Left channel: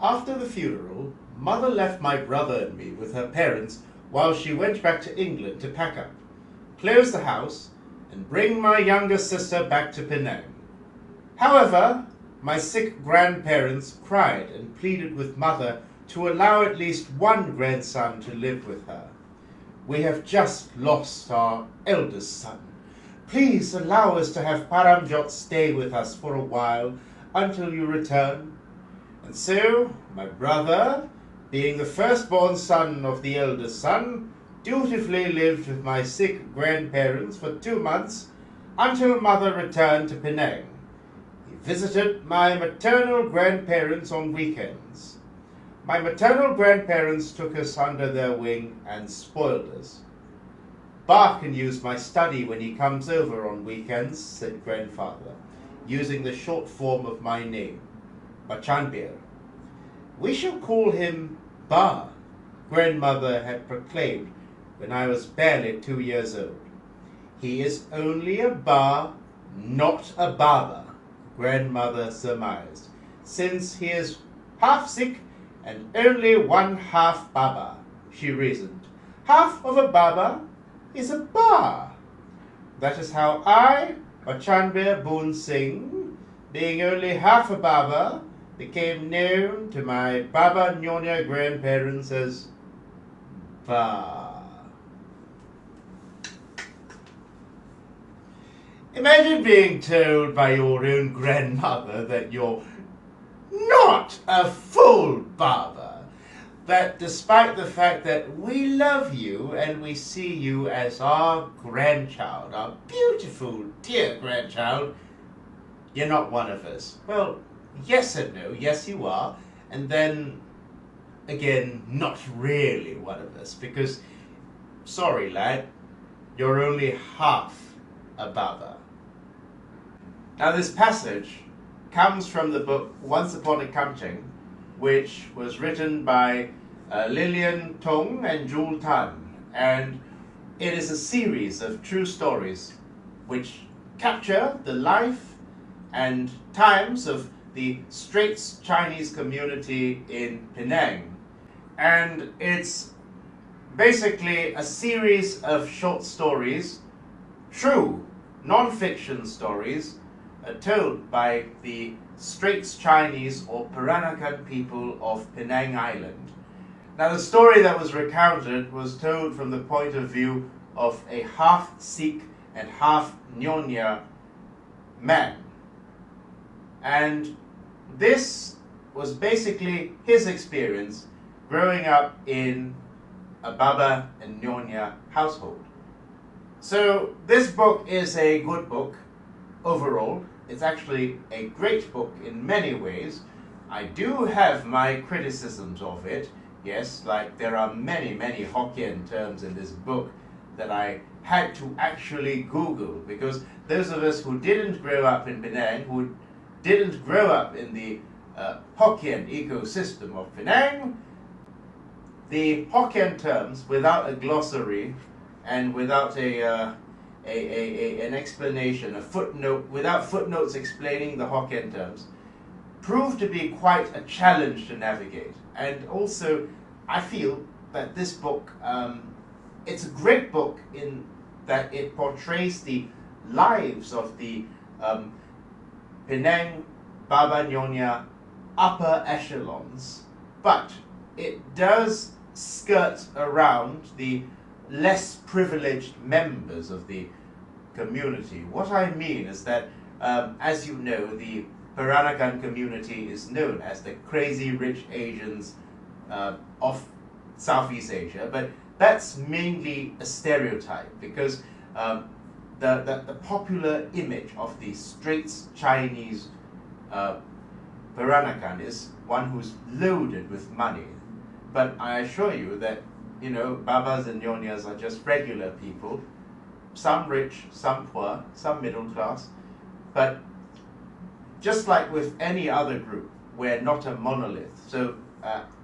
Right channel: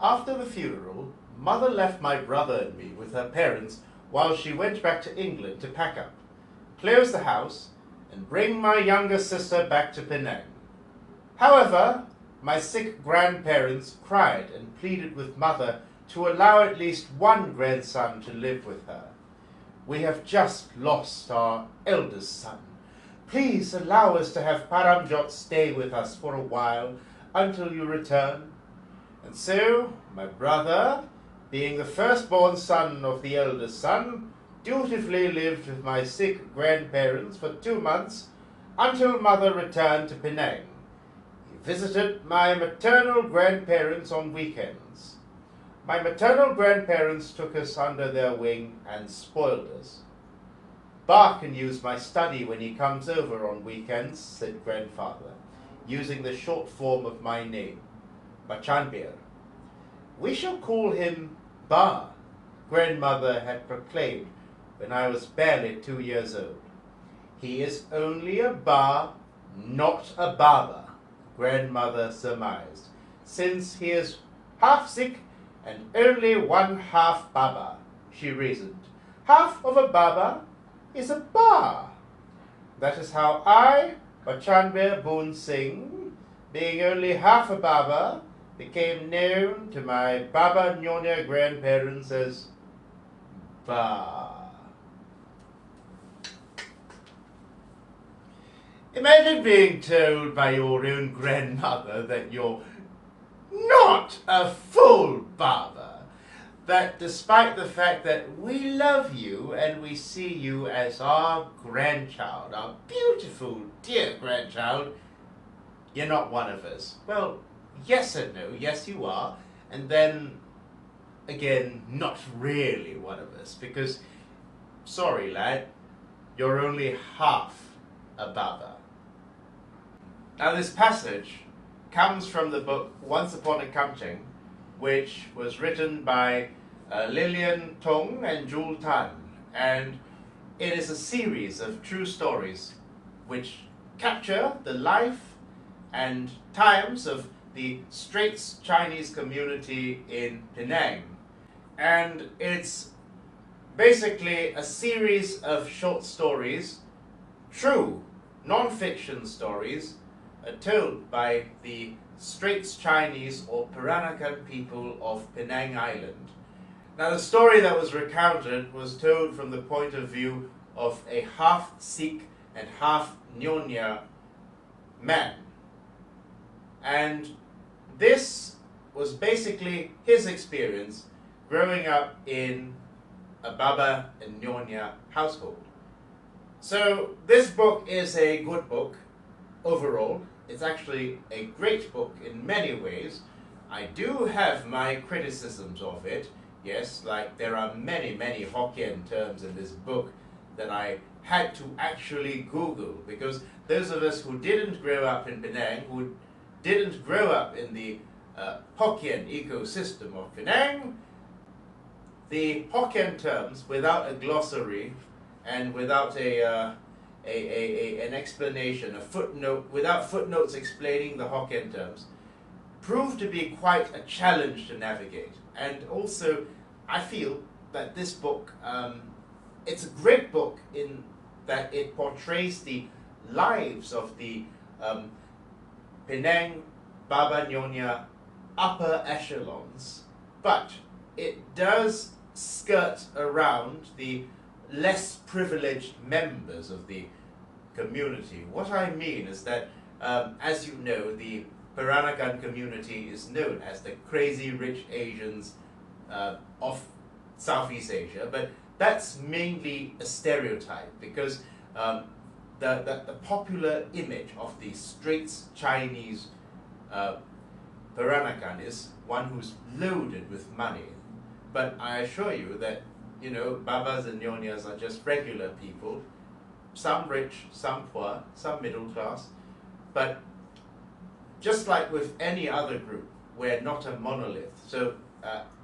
After the funeral, Mother left my brother and me with her parents while she went back to England to pack up, close the house, and bring my younger sister back to Penang. However, my sick grandparents cried and pleaded with Mother to allow at least one grandson to live with her. We have just lost our eldest son. Please allow us to have Paramjot stay with us for a while until you return. And so, my brother, being the firstborn son of the eldest son, dutifully lived with my sick grandparents for 2 months until Mother returned to Penang. He visited my maternal grandparents on weekends. My maternal grandparents took us under their wing and spoiled us. "Ba can use my study when he comes over on weekends," said grandfather, using the short form of my name, Bachanbir. "We shall call him Ba," grandmother had proclaimed when I was barely 2 years old. "He is only a Ba, not a Baba," grandmother surmised, "since he is half Sikh and only one half Baba," she reasoned. "Half of a Baba is a Ba." That is how I, Lim Boon Keng, being only half a Baba, became known to my Baba Nyonya grandparents as Ba. Imagine being told by your own grandmother that you're not a full Baba, that despite the fact that we love you and we see you as our grandchild, our beautiful, dear grandchild, you're not one of us. Well, yes and no. Yes, you are. And then, again, not really one of us, because, sorry, lad, you're only half a Baba. Now, this passage comes from the book Once Upon a Kamcheng, which was written by Lilian Tong and Jul Tan, and it is a series of true stories which capture the life and times of the Straits Chinese community in Penang. And it's basically a series of short stories, true non-fiction stories, told by the Straits Chinese or Peranakan people of Penang Island. Now, the story that was recounted was told from the point of view of a half Sikh and half Nyonya man. And this was basically his experience growing up in a Baba and Nyonya household. So this book is a good book overall. It's actually a great book in many ways. I do have my criticisms of it. Yes, like there are many Hokkien terms in this book that I had to actually Google, because those of us who didn't grow up in Penang, who didn't grow up in the Hokkien ecosystem of Penang, the Hokkien terms without a glossary and without an explanation, a footnote, without footnotes explaining the Hokkien terms, proved to be quite a challenge to navigate. And also, I feel that this book, it's a great book in that it portrays the lives of the Penang Baba Nyonya upper echelons, but it does skirt around the less privileged members of the community. What I mean is that, as you know, the Peranakan community is known as the crazy rich Asians of Southeast Asia, but that's mainly a stereotype, because the popular image of the Straits Chinese Peranakan is one who's loaded with money. But I assure you that, you know, Babas and Nyonyas are just regular people, some rich, some poor, some middle class. But just like with any other group, we're not a monolith. So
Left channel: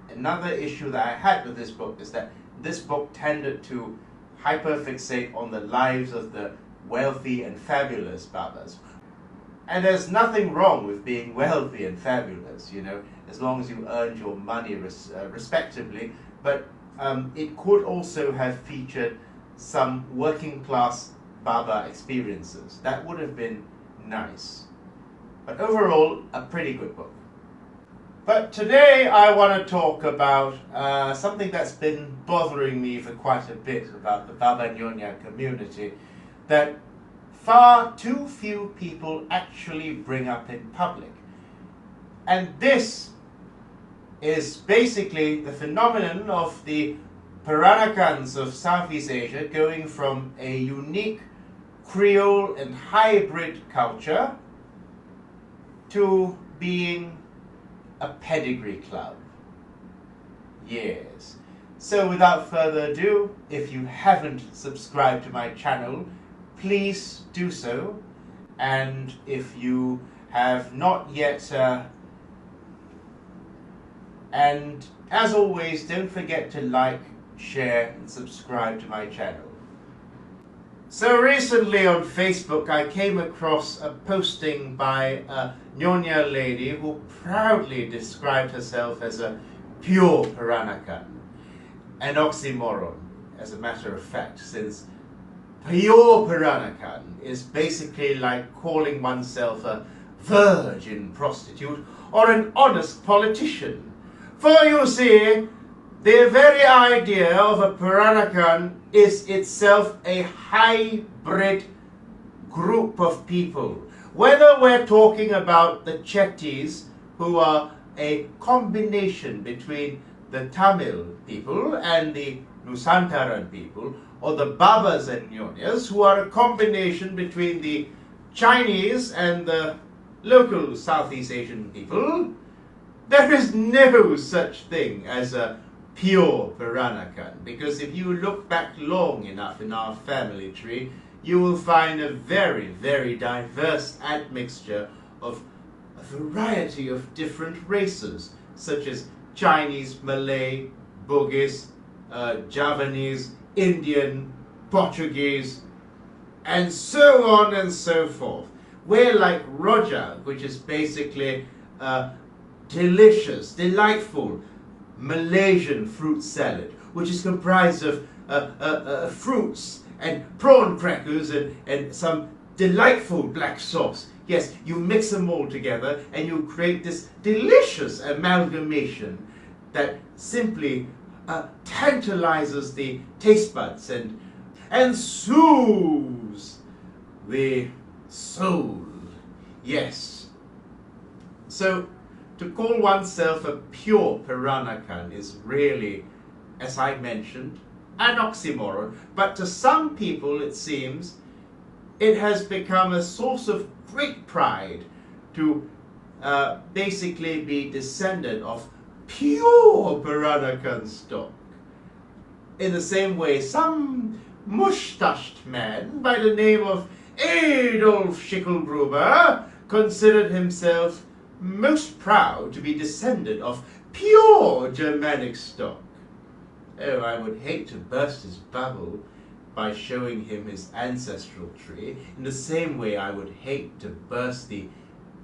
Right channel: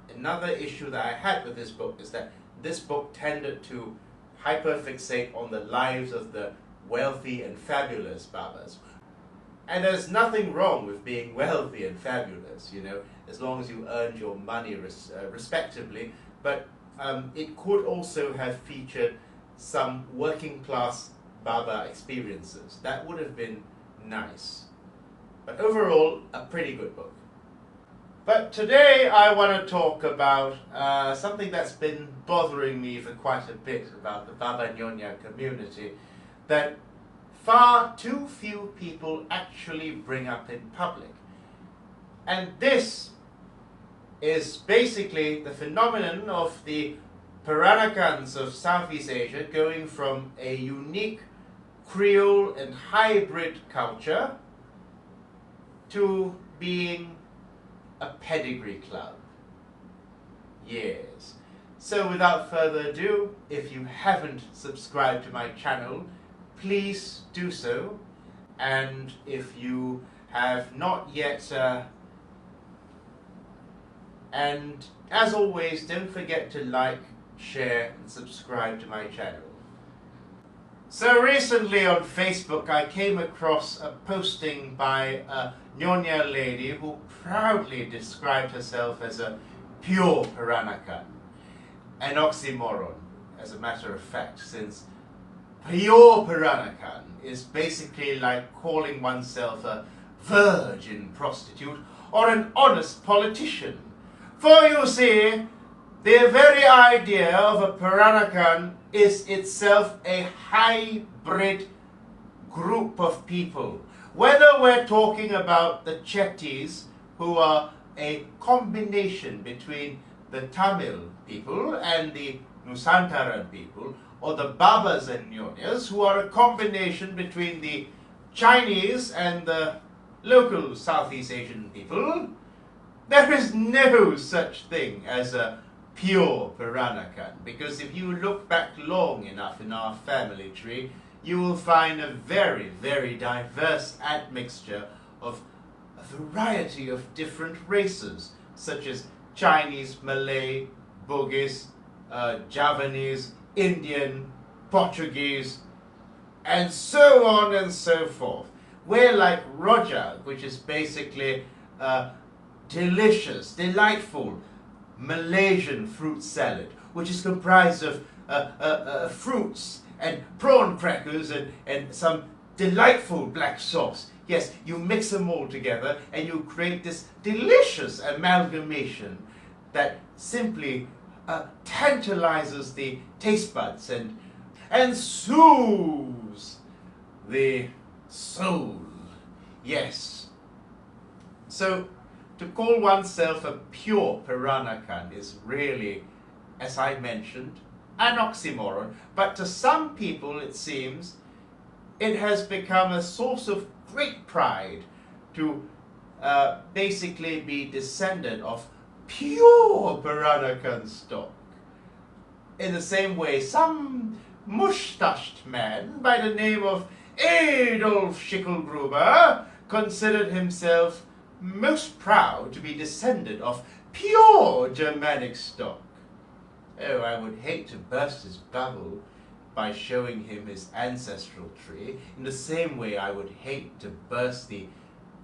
another issue that I had with this book is that this book tended to hyperfixate on the lives of the wealthy and fabulous Babas. And there's nothing wrong with being wealthy and fabulous, you know, as long as you earned your money respectively. But it could also have featured some working class Baba experiences. That would have been nice. But overall, a pretty good book. But today I want to talk about something that's been bothering me for quite a bit about the Baba Nyonya community, that far too few people actually bring up in public. And this is basically the phenomenon of the Peranakans of Southeast Asia going from a unique Creole and hybrid culture to being a pedigree club. Yes. So without further ado, if you haven't subscribed to my channel, please do so. And if you have not yet, and as always, don't forget to like, share and subscribe to my channel. So recently on Facebook I came across a posting by a Nyonya lady who proudly described herself as a pure Peranakan. An oxymoron, as a matter of fact, since pure Peranakan is basically like calling oneself a virgin prostitute or an honest politician. For you see, the very idea of a Peranakan is itself a hybrid group of people. Whether we're talking about the Chetties, who are a combination between the Tamil people and the Nusantaran people, or the Babas and Nyonyas, who are a combination between the Chinese and the local Southeast Asian people, there is no such thing as a pure Peranakan, because if you look back long enough in our family tree, you will find a very, very diverse admixture of a variety of different races, such as Chinese, Malay, Bugis, Javanese, Indian, Portuguese, and so on and so forth. We're like rojak, which is basically delicious, delightful Malaysian fruit salad, which is comprised of fruits and prawn crackers and some delightful black sauce. Yes, you mix them all together and you create this delicious amalgamation that simply tantalizes the taste buds and soothes the soul. Yes. So to call oneself a pure Peranakan is really, as I mentioned, an oxymoron. But to some people, it seems, it has become a source of great pride to basically be descendant of pure Peranakan stock. In the same way, some mustached man by the name of Adolf Schicklgruber considered himself most proud to be descendant of pure Germanic stock. Oh, I would hate to burst his bubble by showing him his ancestral tree, in the same way I would hate to burst the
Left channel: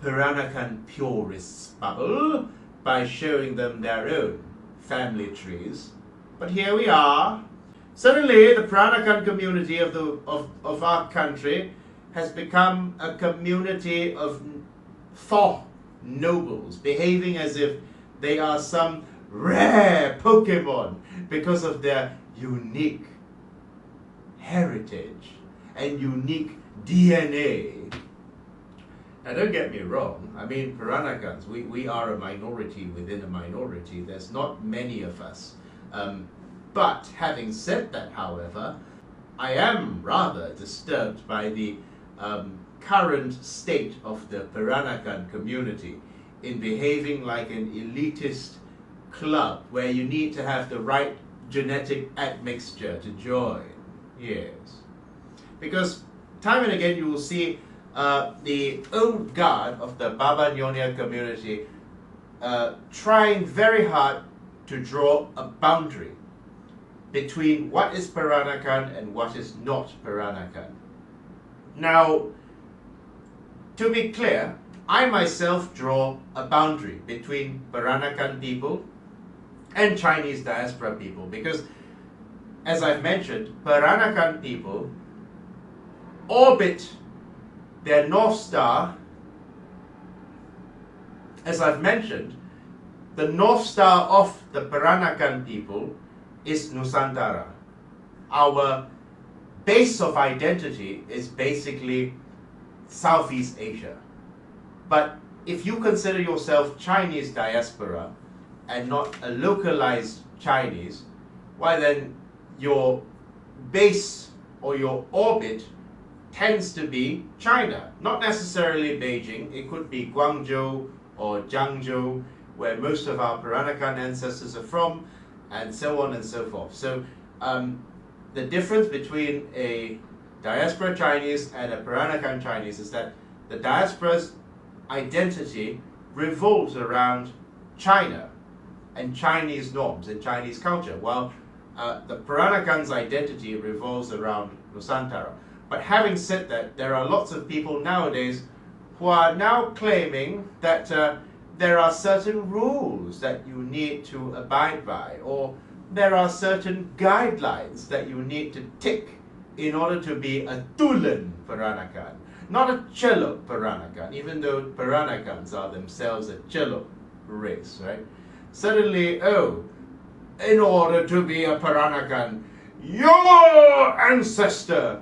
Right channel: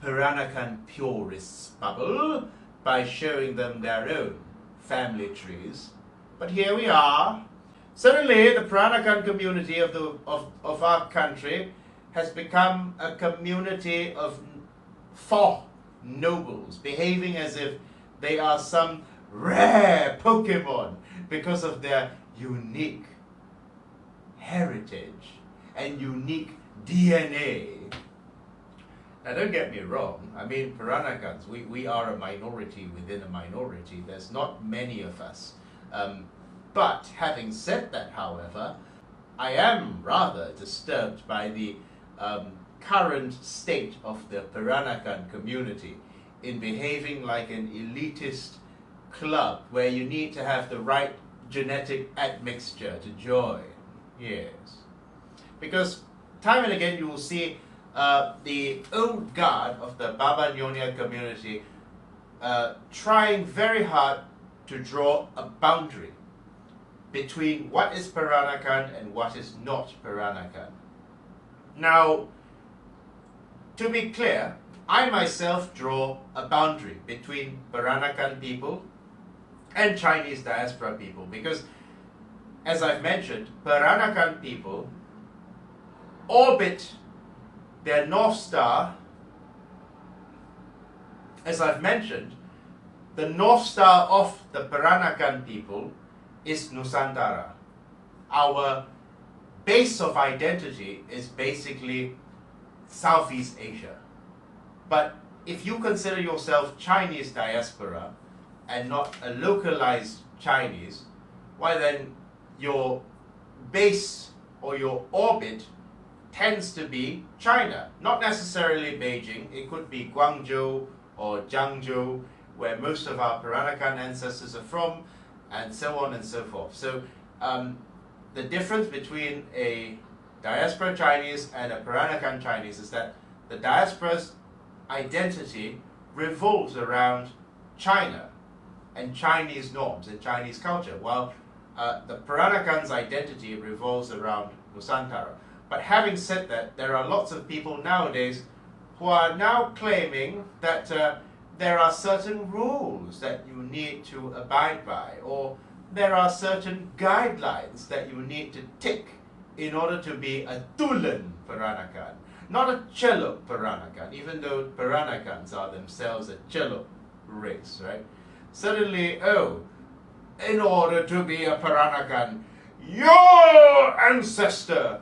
Peranakan purists' bubble by showing them their own family trees. But here we are. Suddenly, the Peranakan community of our country has become a community of four nobles, behaving as if they are some rare Pokemon because of their unique heritage and unique DNA. Now don't get me wrong, I mean Peranakans, we are a minority within a minority. There's not many of us. But having said that, however, I am rather disturbed by the current state of the Peranakan community in behaving like an elitist club where you need to have the right genetic admixture to join. Yes. Because time and again you will see the old guard of the Baba Nyonya community trying very hard to draw a boundary between what is Peranakan and what is not Peranakan. Now, to be clear, I myself draw a boundary between Peranakan people and Chinese diaspora people because, as I've mentioned, Peranakan people orbit their North Star. As I've mentioned, the North Star of the Peranakan people is Nusantara. Our base of identity is basically Southeast Asia. But if you consider yourself Chinese diaspora and not a localized Chinese, why then your base or your orbit tends to be China, not necessarily Beijing. It could be Guangzhou or Jiangzhou, where most of our Peranakan ancestors are from, and so on and so forth. So the difference between a diaspora Chinese and a Peranakan Chinese is that the diaspora's identity revolves around China and Chinese norms and Chinese culture, while the Peranakan's identity revolves around Nusantara. But having said that, there are lots of people nowadays who are now claiming that there are certain rules that you need to abide by, or there are certain guidelines that you need to tick in order to be a Tulen Peranakan, not a Celok Peranakan, even though Peranakans are themselves a Celok race, right? Suddenly, in order to be a Peranakan, your ancestor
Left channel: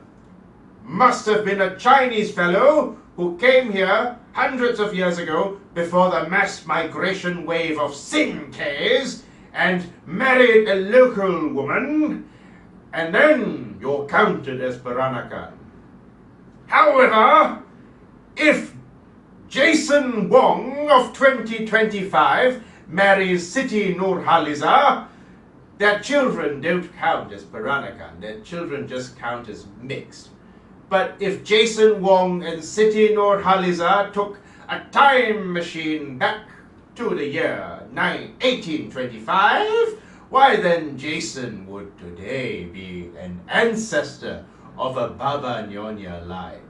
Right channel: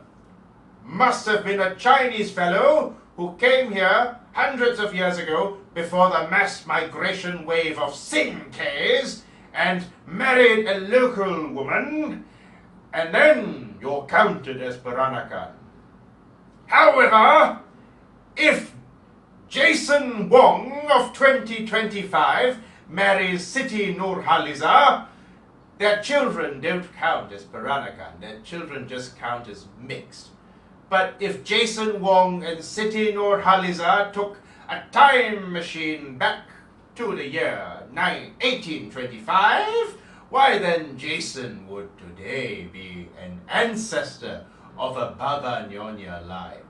must have been a Chinese fellow who came here hundreds of years ago before the mass migration wave of Sinkehs and married a local woman, and then you're counted as Peranakan. However, if Jason Wong of 2025 marries Siti Nurhaliza, their children don't count as Peranakan, their children just count as mixed. But if Jason Wong and Siti Nurhaliza took a time machine back to the year 1825, why then Jason would today be an ancestor of a Baba Nyonya line.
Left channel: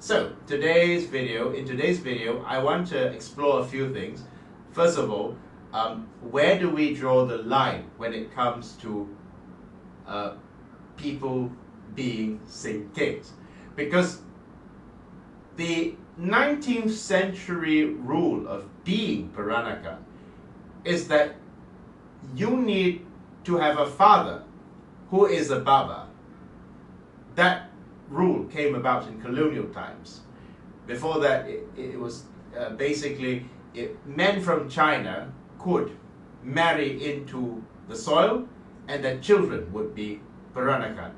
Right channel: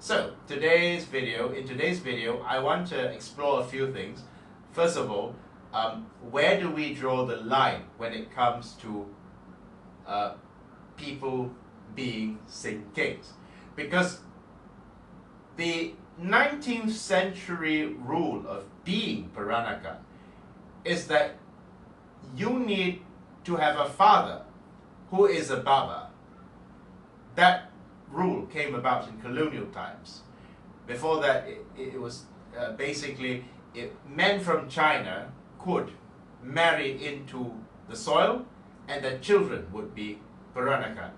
So in today's video, I want to explore a few things. First of all, where do we draw the line when it comes to people being Sinkehs? Because the 19th century rule of being Peranakan is that you need to have a father who is a Baba. That rule came about in colonial times. Before that, it was basically men from China could marry into the soil and their children would be Peranakan.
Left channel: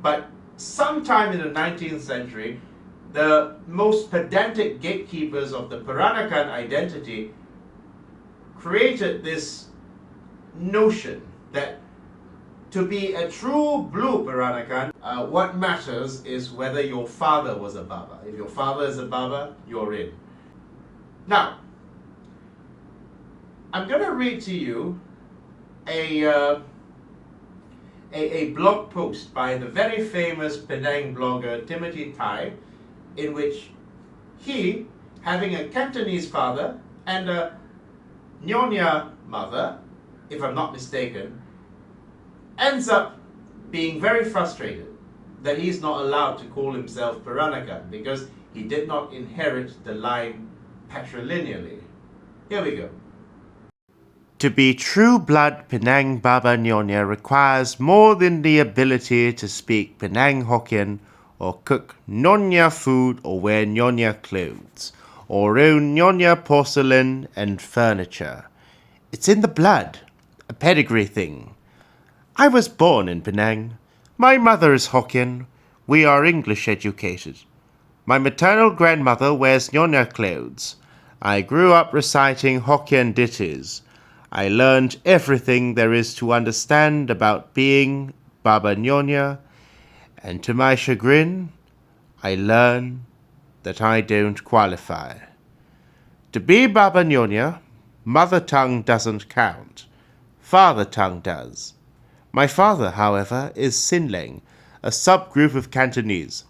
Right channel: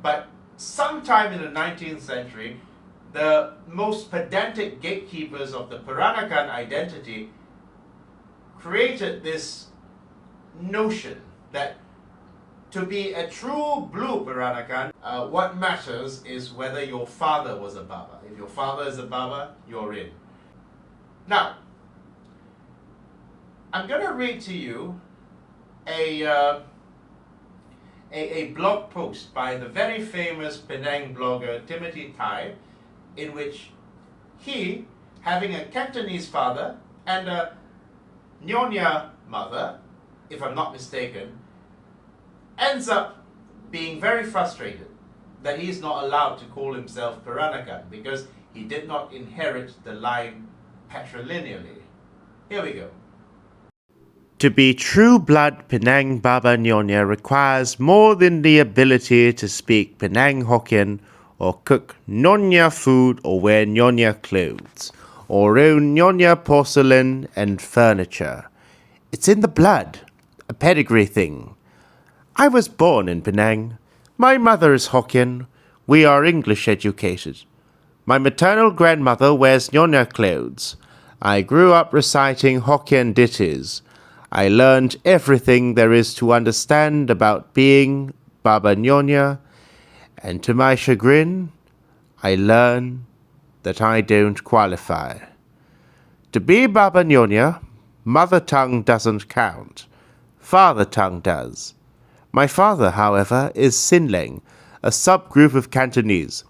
But sometime in the 19th century, the most pedantic gatekeepers of the Peranakan identity created this notion that to be a true blue Peranakan, what matters is whether your father was a Baba. If your father is a Baba, you're in. Now, I'm going to read to you a blog post by the very famous Penang blogger Timothy Tai, in which he, having a Cantonese father and a Nyonya mother, if I'm not mistaken, ends up being very frustrated that he's not allowed to call himself Peranakan because he did not inherit the line patrilineally. Here we go. To be true blood Penang Baba Nyonya requires more than the ability to speak Penang Hokkien or cook Nyonya food or wear Nyonya clothes or own Nyonya porcelain and furniture. It's in the blood, a pedigree thing. I was born in Penang. My mother is Hokkien. We are English educated. My maternal grandmother wears Nyonya clothes. I grew up reciting Hokkien ditties. I learned everything there is to understand about being Baba Nyonya, and to my chagrin, I learn that I don't qualify. To be Baba Nyonya, mother tongue doesn't count. Father tongue does. My father, however, is Sin Leng, a subgroup of Cantonese.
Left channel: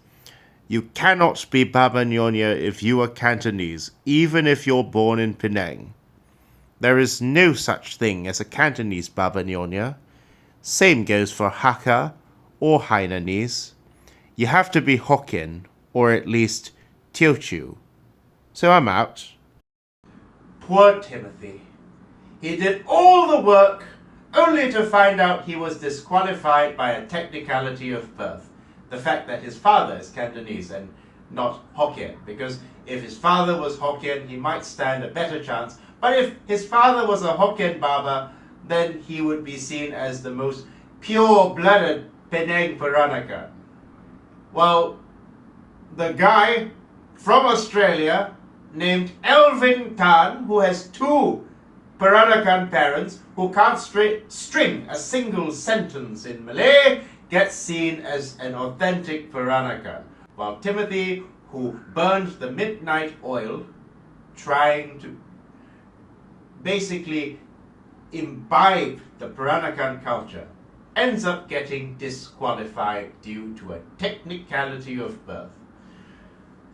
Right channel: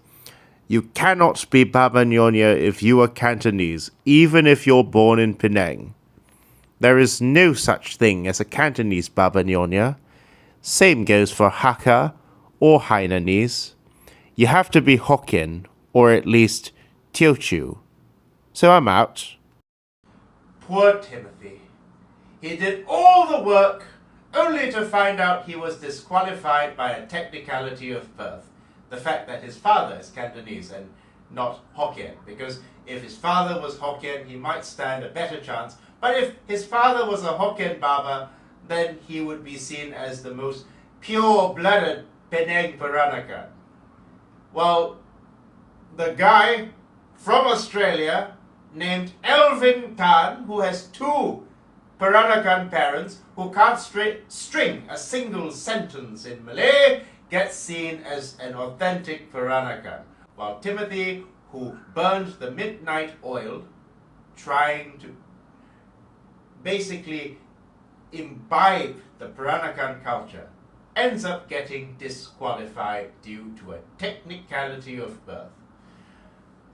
You cannot be Baba Nyonya if you are Cantonese, even if you're born in Penang. There is no such thing as a Cantonese Baba Nyonya. Same goes for Hakka or Hainanese. You have to be Hokkien, or at least Teochew. So I'm out. Poor Timothy. He did all the work only to find out he was disqualified by a technicality of birth. The fact that his father is Cantonese and not Hokkien. Because if his father was Hokkien, he might stand a better chance. But if his father was a Hokkien Baba, then he would be seen as the most pure-blooded Penang Peranakan. Well, the guy from Australia named Elvin Tan, who has two Peranakan parents who can't string a single sentence in Malay, gets seen as an authentic Peranakan. While Timothy, who burned the midnight oil, trying to basically imbibe the Peranakan culture, ends up getting disqualified due to a technicality of birth.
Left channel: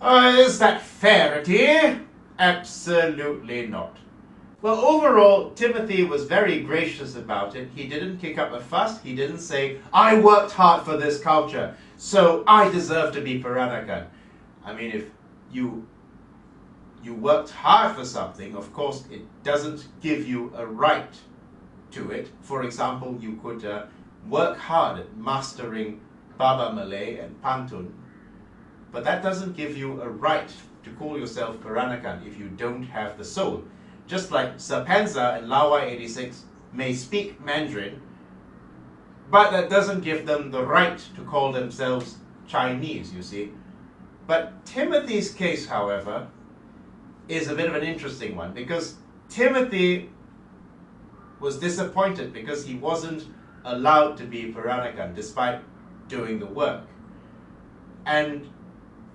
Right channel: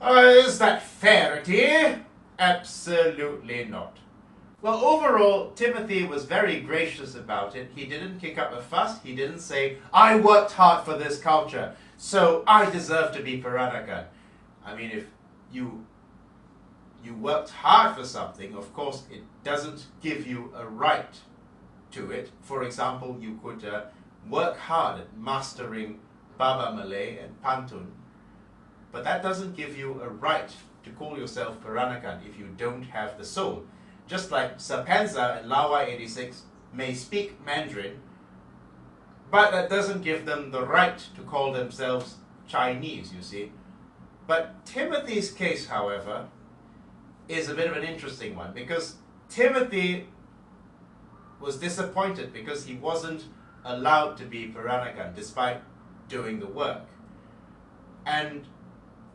Is that fairity? Absolutely not. Well, overall, Timothy was very gracious about it. He didn't kick up a fuss. He didn't say, I worked hard for this culture, so I deserve to be Peranakan. I mean, if you worked hard for something, of course, it doesn't give you a right to it. For example, you could work hard at mastering Baba Malay and Pantun, but that doesn't give you a right to call yourself Peranakan if you don't have the soul. Just like Sir Panza and Lawai 86 may speak Mandarin, but that doesn't give them the right to call themselves Chinese, you see. But Timothy's case, however, is a bit of an interesting one, because Timothy was disappointed because he wasn't allowed to be Peranakan despite doing the work. And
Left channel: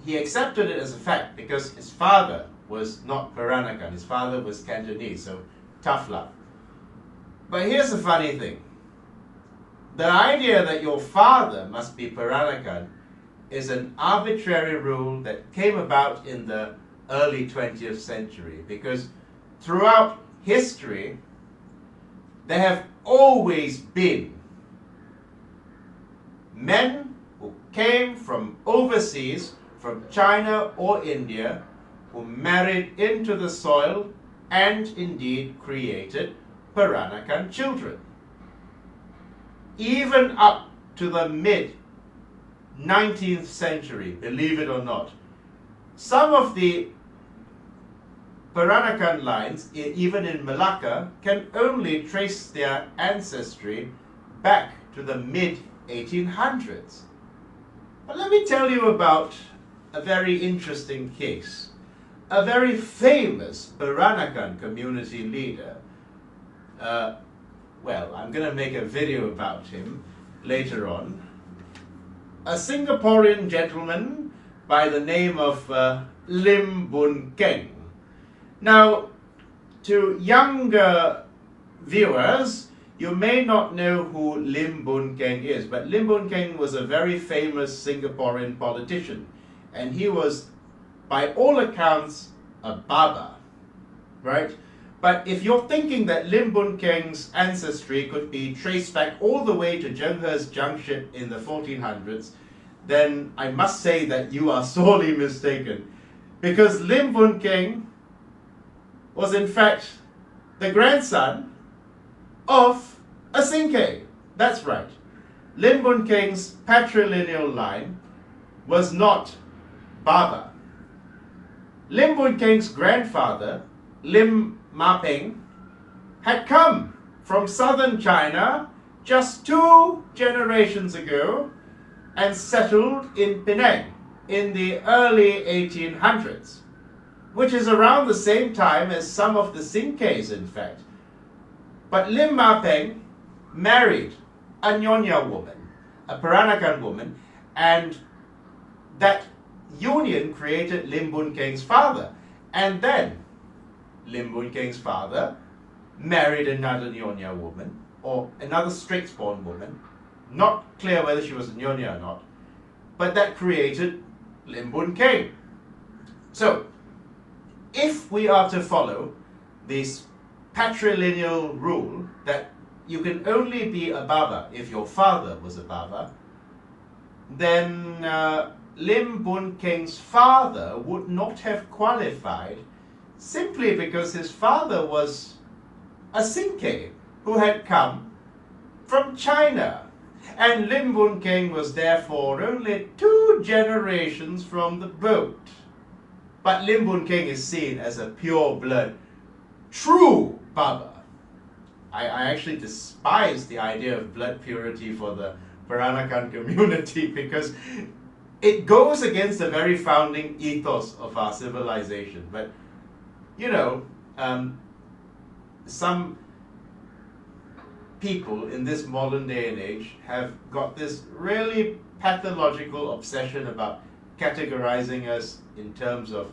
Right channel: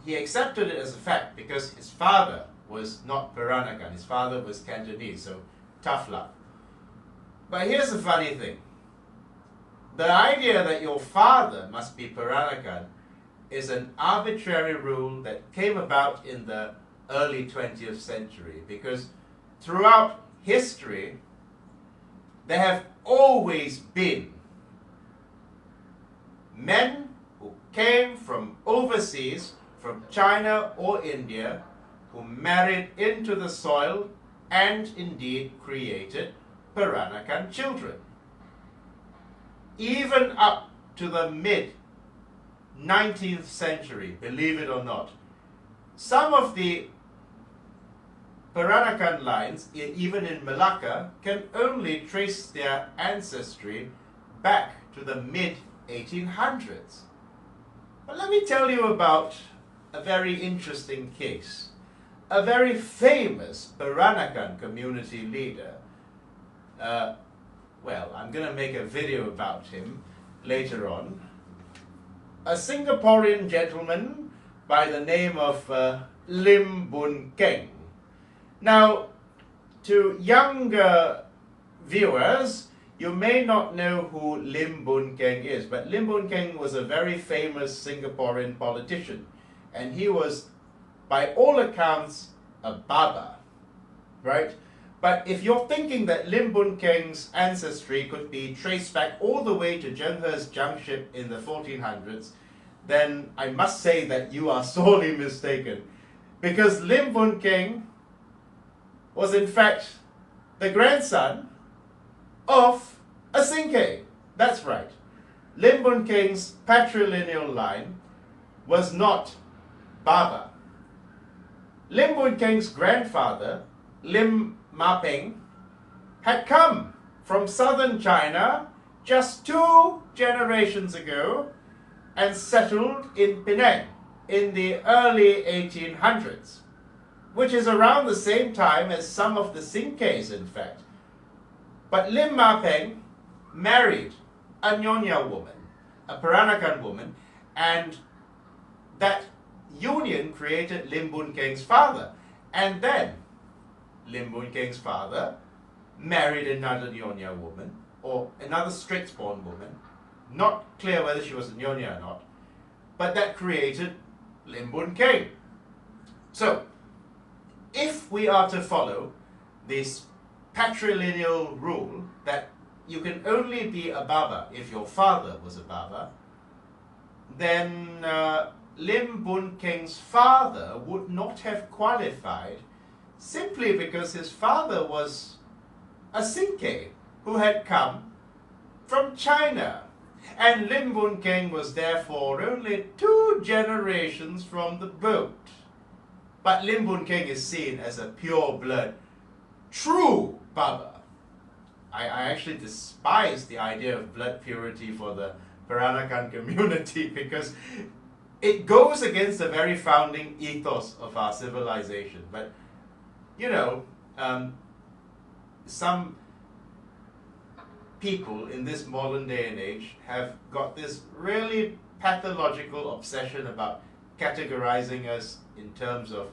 he accepted it as a fact because his father was not Peranakan, his father was Cantonese, so tough luck. But here's the funny thing. The idea that your father must be Peranakan is an arbitrary rule that came about in the early 20th century, because throughout history there have always been men who came from overseas, from China or India, who married into the soil and indeed created Peranakan children. Even up to the mid-19th century, believe it or not, some of the Peranakan lines, even in Melaka, can only trace their ancestry back to the mid-1800s. But let me tell you about a very interesting case. A very famous Peranakan community leader. Well, I'm going to make a video about him later on. A Singaporean gentleman by the name of Lim Boon Keng. Now, to younger viewers, you may not know who Lim Boon Keng is, but Lim Boon Keng was a very famous Singaporean politician, and he was, by all accounts, a Baba, right? But if you're thinking that Lim Boon Keng's ancestry could be traced back all the way to Zhenhe's junkship in the 1400s, then I must say that you are sorely mistaken. Because Lim Boon Keng was in fact the grandson of a Sinkeh. That's right. Lim Boon Keng's patrilineal line was not Baba. Lim Boon Keng's grandfather, Lim Ma Peng, had come from southern China just 2 generations ago and settled in Penang in the early 1800s, which is around the same time as some of the Sinkehs, in fact. But Lim Ma Peng married a Nyonya woman, a Peranakan woman, and that union created Lim Boon Keng's father. And then Lim Boon Keng's father married another Nyonya woman, or another straight-born woman. Not clear whether she was a Nyonya or not, but that created Lim Boon Keng. So, if we are to follow this patrilineal rule that you can only be a Baba if your father was a Baba, then Lim Boon Keng's father would not have qualified simply because his father was a Sinkeh who had come from China. And Lim Boon Keng was therefore only 2 generations from the boat. But Lim Boon Keng is seen as a pure-blood, true Baba. I actually despise the idea of blood purity for the Peranakan community because it goes against the very founding ethos of our civilization. But, you know, some people in this modern day and age have got this really pathological obsession about categorizing us in terms of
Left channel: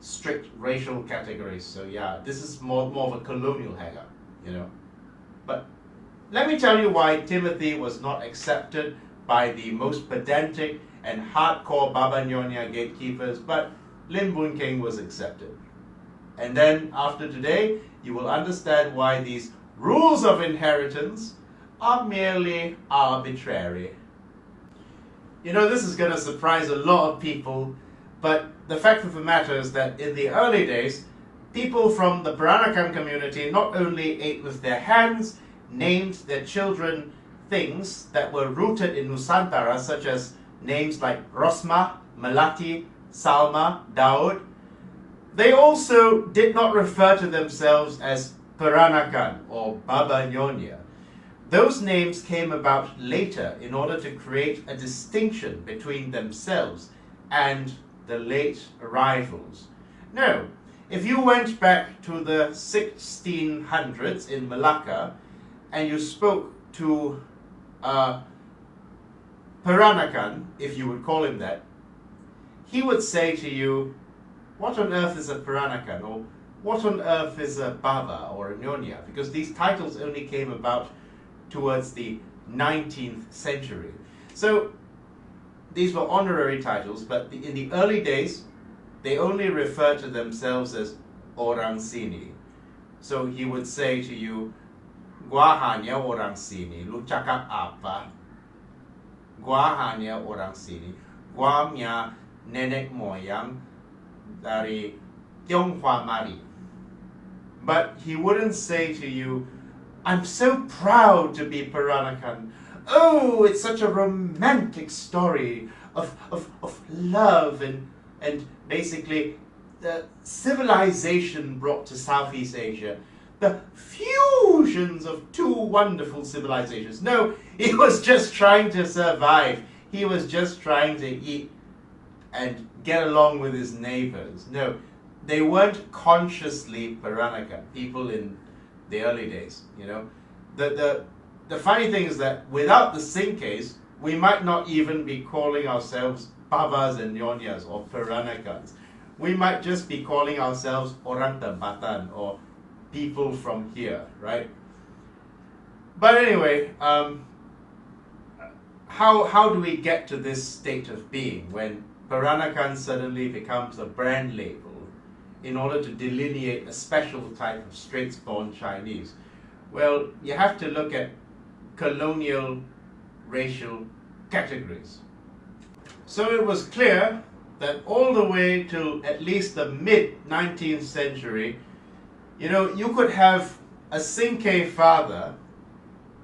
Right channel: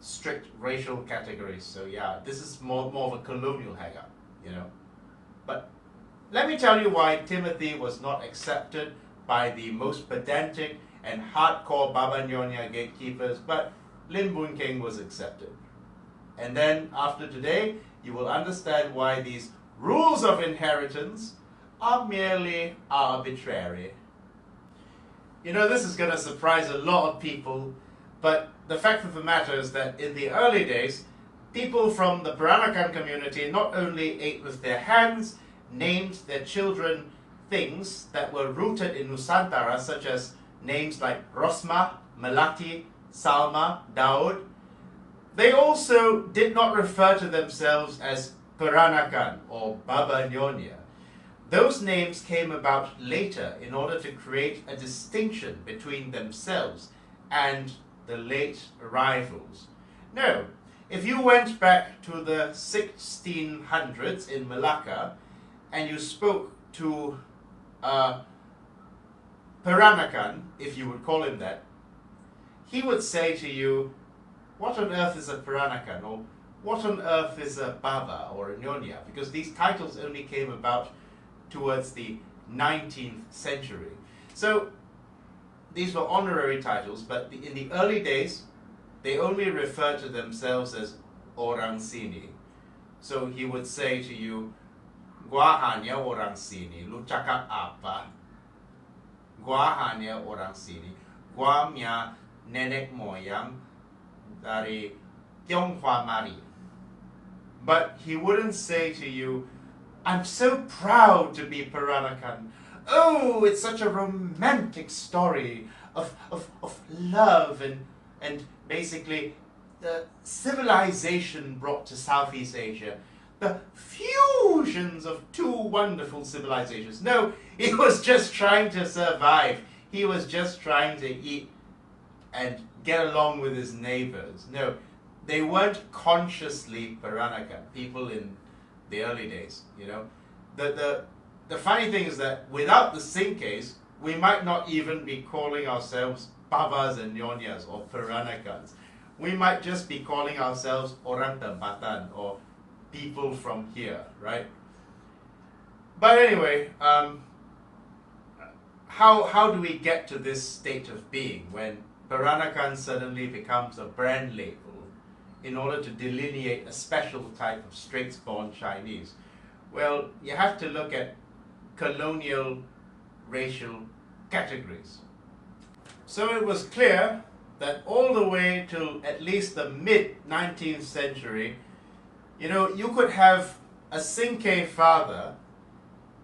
strict racial categories. So yeah, this is more of a colonial hang-up, you know. But let me tell you why Timothy was not accepted by the most pedantic and hardcore Baba Nyonya gatekeepers, but Lim Boon Keng was accepted. And then after today, you will understand why these rules of inheritance are merely arbitrary. You know, this is going to surprise a lot of people, but the fact of the matter is that in the early days, people from the Peranakan community not only ate with their hands, named their children things that were rooted in Nusantara, such as names like Rosma, Melati, Salma, Daud. They also did not refer to themselves as Peranakan or Baba Nyonya. Those names came about later in order to create a distinction between themselves and the late arrivals. No, if you went back to the 1600s in Melaka and you spoke to Peranakan, if you would call him that, he would say to you, what on earth is a Peranakan? Or what on earth is a Baba or a Nyonya? Because these titles only came about towards the 19th century. So these were honorary titles, but in the early days, they only referred to themselves as orang sini. So he would say to you, gua hanya orang sini, lu cakap apa? Gua hanya orang sini. Gua punya nenek moyang dari Tionghoa Mari. But he wouldn't say to you, I'm so proud to be Peranakan. Oh, it's such a romantic story of love and basically the civilization brought to Southeast Asia. The fusions of 2 wonderful civilizations. No, he was just trying to survive. He was just trying to eat and get along with his neighbors. No, they weren't consciously Peranakan, people in the early days, you know. The funny thing is that without the Sinkehs, we might not even be calling ourselves Babas and Nyonyas or Peranakans. We might just be calling ourselves Orang Tempatan or people from here, right? But anyway, how do we get to this state of being when Peranakan suddenly becomes a brand label in order to delineate a special type of straight-born Chinese? Well, you have to look at colonial racial categories. So it was clear that all the way till at least the mid-19th century, you know, you could have a Sinkeh father,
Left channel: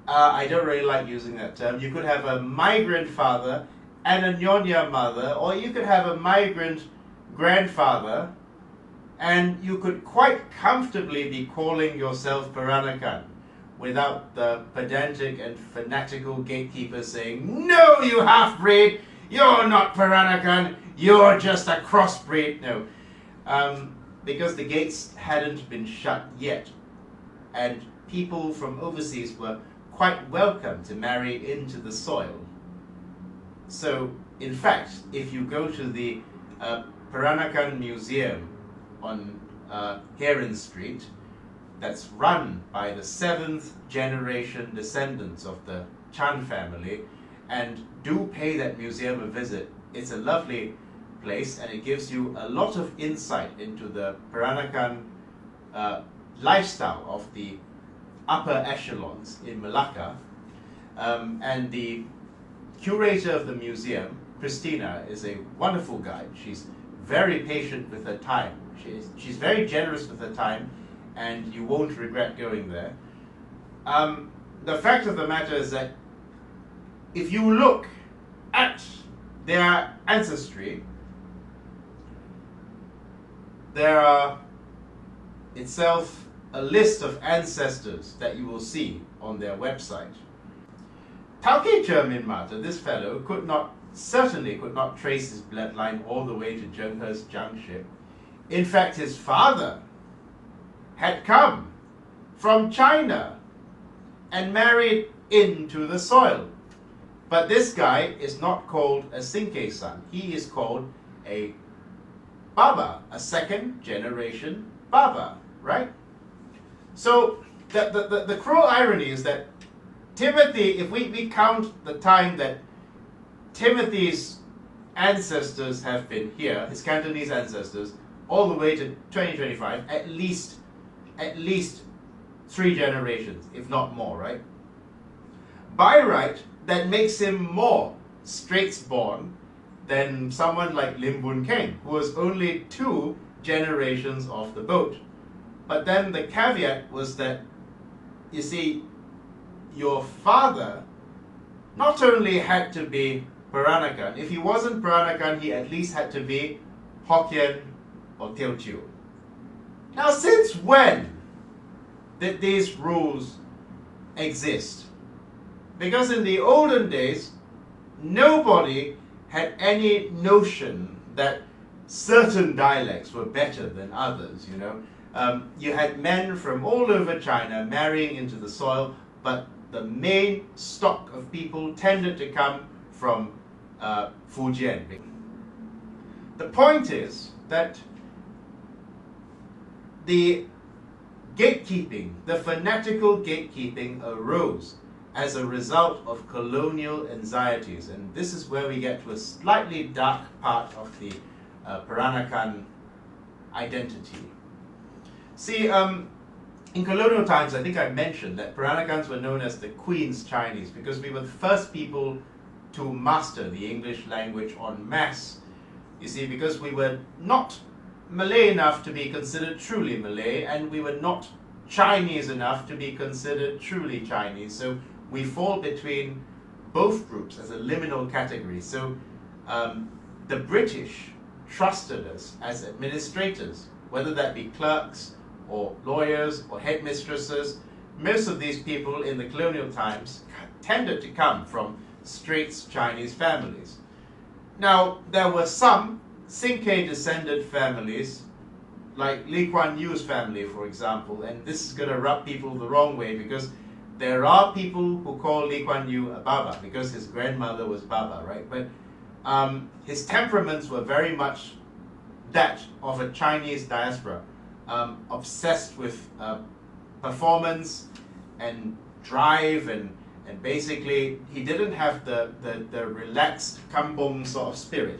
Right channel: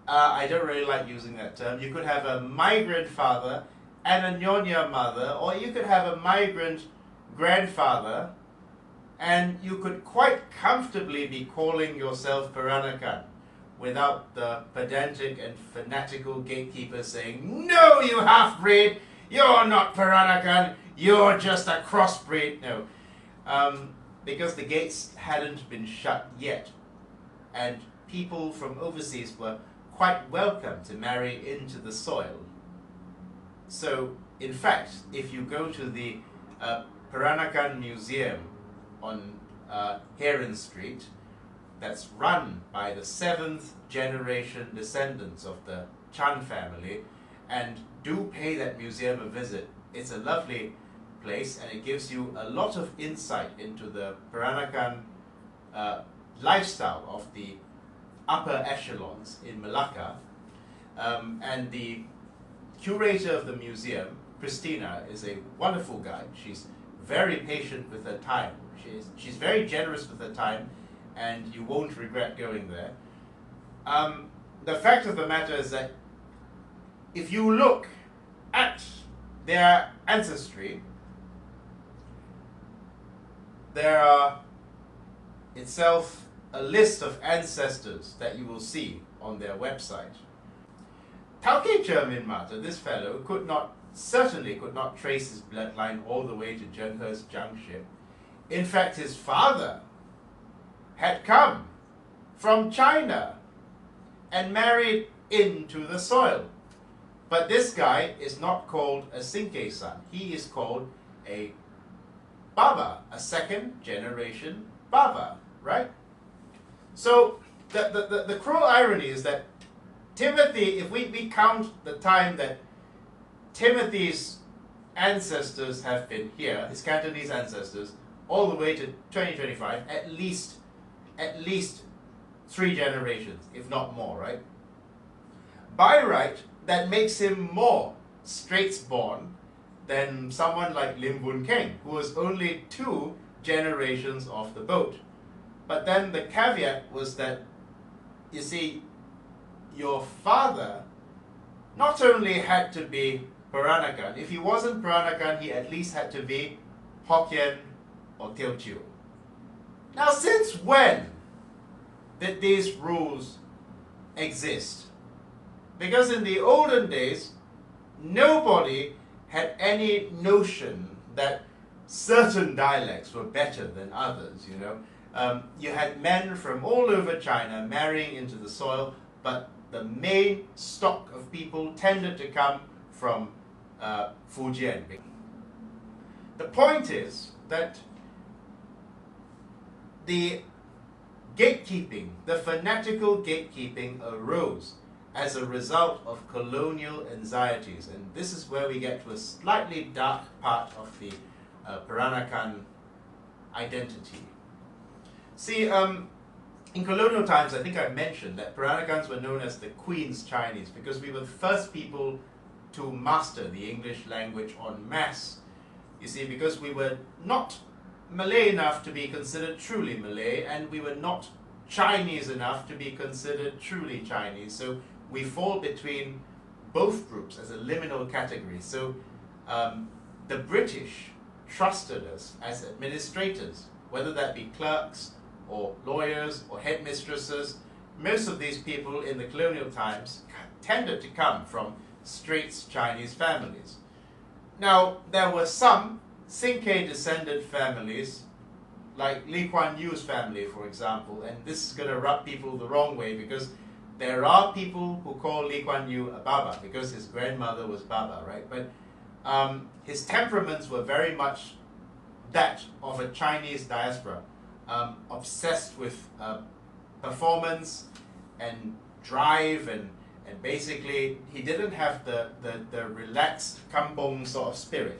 I don't really like using that term, you could have a migrant father and a Nyonya mother, or you could have a migrant grandfather, and you could quite comfortably be calling yourself Peranakan without the pedantic and fanatical gatekeepers saying, no, you half-breed, you're not Peranakan, you're just a crossbreed. No, because the gates hadn't been shut yet, and people from overseas were quite welcome to marry into the soil. So, in fact, if you go to the Peranakan Museum on Heron Street, that's run by the 7th generation descendants of the Chan family, and do pay that museum a visit. It's a lovely place, and it gives you a lot of insight into the Peranakan lifestyle of the upper echelons in Melaka. And the curator of the museum, Christina, is a wonderful guide. She's very patient with her time. She's very generous with her time, and you won't regret going there. The fact of the matter is that if you look at their ancestry, there are itself a list of ancestors that you will see on their website. Tauke Chairman Mata, this fellow, certainly could not trace his bloodline all the way to Zhenghe's Jiangship. In fact, his father had come from China and married into the soil. But this guy is not called a Sinkeh son. He is called a Baba, a second generation Baba, right? So the cruel irony is that Timothy, if we count the time that Timothy's ancestors have been here, his Cantonese ancestors, all the way to 2025, at least 3 generations, if not more, right? By right, that makes him more Straits-born than someone like Lim Boon Keng, who was only 2 generations off the boat. But then the caveat was that, you see, your father not only had to be Peranakan, if he wasn't Peranakan, he at least had to be Hokkien or Teochew. Now, since when did these rules exist? Because in the olden days, nobody had any notion that certain dialects were better than others, you know. You had men from all over China marrying into the soil, but the main stock of people tended to come from Fujian. The point is that the gatekeeping, the fanatical gatekeeping arose as a result of colonial anxieties. And this is where we get to a slightly dark part of the Peranakan identity. See, in colonial times, I think I mentioned that Peranakans were known as the Queen's Chinese because we were the first people to master the English language en masse. You see, because we were not Malay enough to be considered truly Malay, and we were not Chinese enough to be considered truly Chinese. So we fall between both groups as a liminal category. So the British trusted us as administrators, whether that be clerks or lawyers or headmistresses. Most of these people in the colonial times tended to come from Straits Chinese families. Now, there were some Sinkeh descended families, like Lee Kuan Yew's family, for example, and this is going to rub people the wrong way because there are people who call Lee Kuan Yew a Baba because his grandmother was Baba, right? But his temperaments were very much that of a Chinese diaspora, obsessed with performance and drive, and basically he didn't have the relaxed kampong sort of spirit.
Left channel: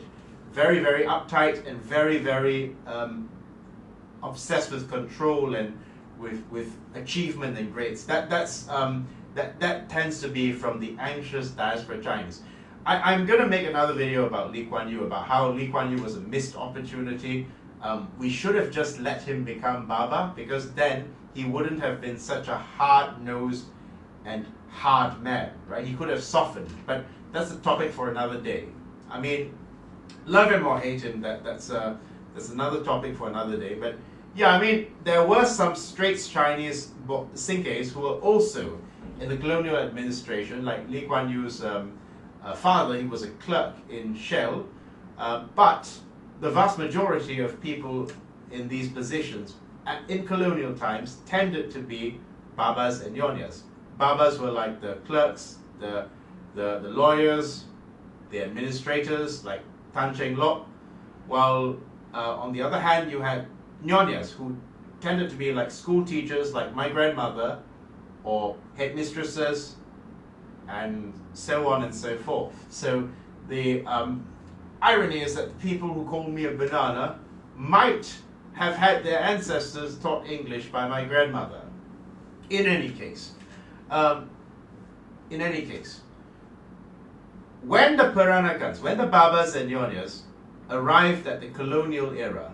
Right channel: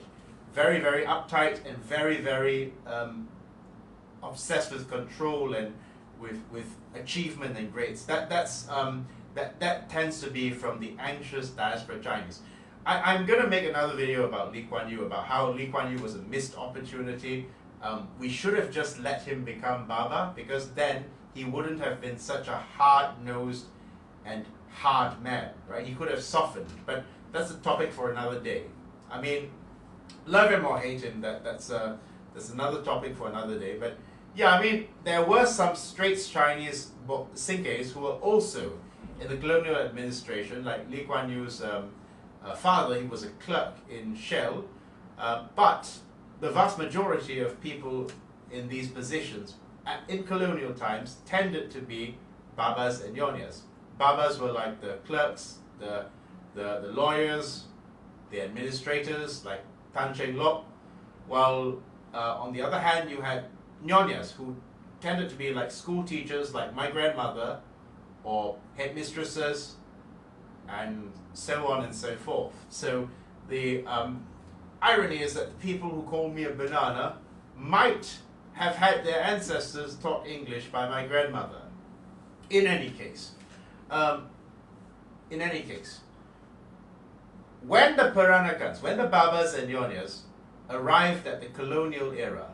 Very, very uptight and very, very obsessed with control and with achievement and grades. That tends to be from the anxious diaspora Chinese. I'm going to make another video about Lee Kuan Yew, about how Lee Kuan Yew was a missed opportunity. We should have just let him become Baba, because then he wouldn't have been such a hard-nosed and hard man, right? He could have softened, but that's a topic for another day. I mean, love him or hate him, that's another topic for another day. But yeah, I mean, there were some Straits Chinese Sinkehs who were also in the colonial administration, like Lee Kuan Yew's father. He was a clerk in Shell, but the vast majority of people in these positions in colonial times tended to be Babas and Nyonyas. Babas were like the clerks, the lawyers, the administrators, like Tan Cheng Lock, while on the other hand you had Nyonyas, who tended to be like school teachers, like my grandmother, or headmistresses, and so on and so forth. So the irony is that the people who call me a banana might have had their ancestors taught English by my grandmother. In any case, when the Peranakans, when the Babas and Nyonyas arrived at the colonial era,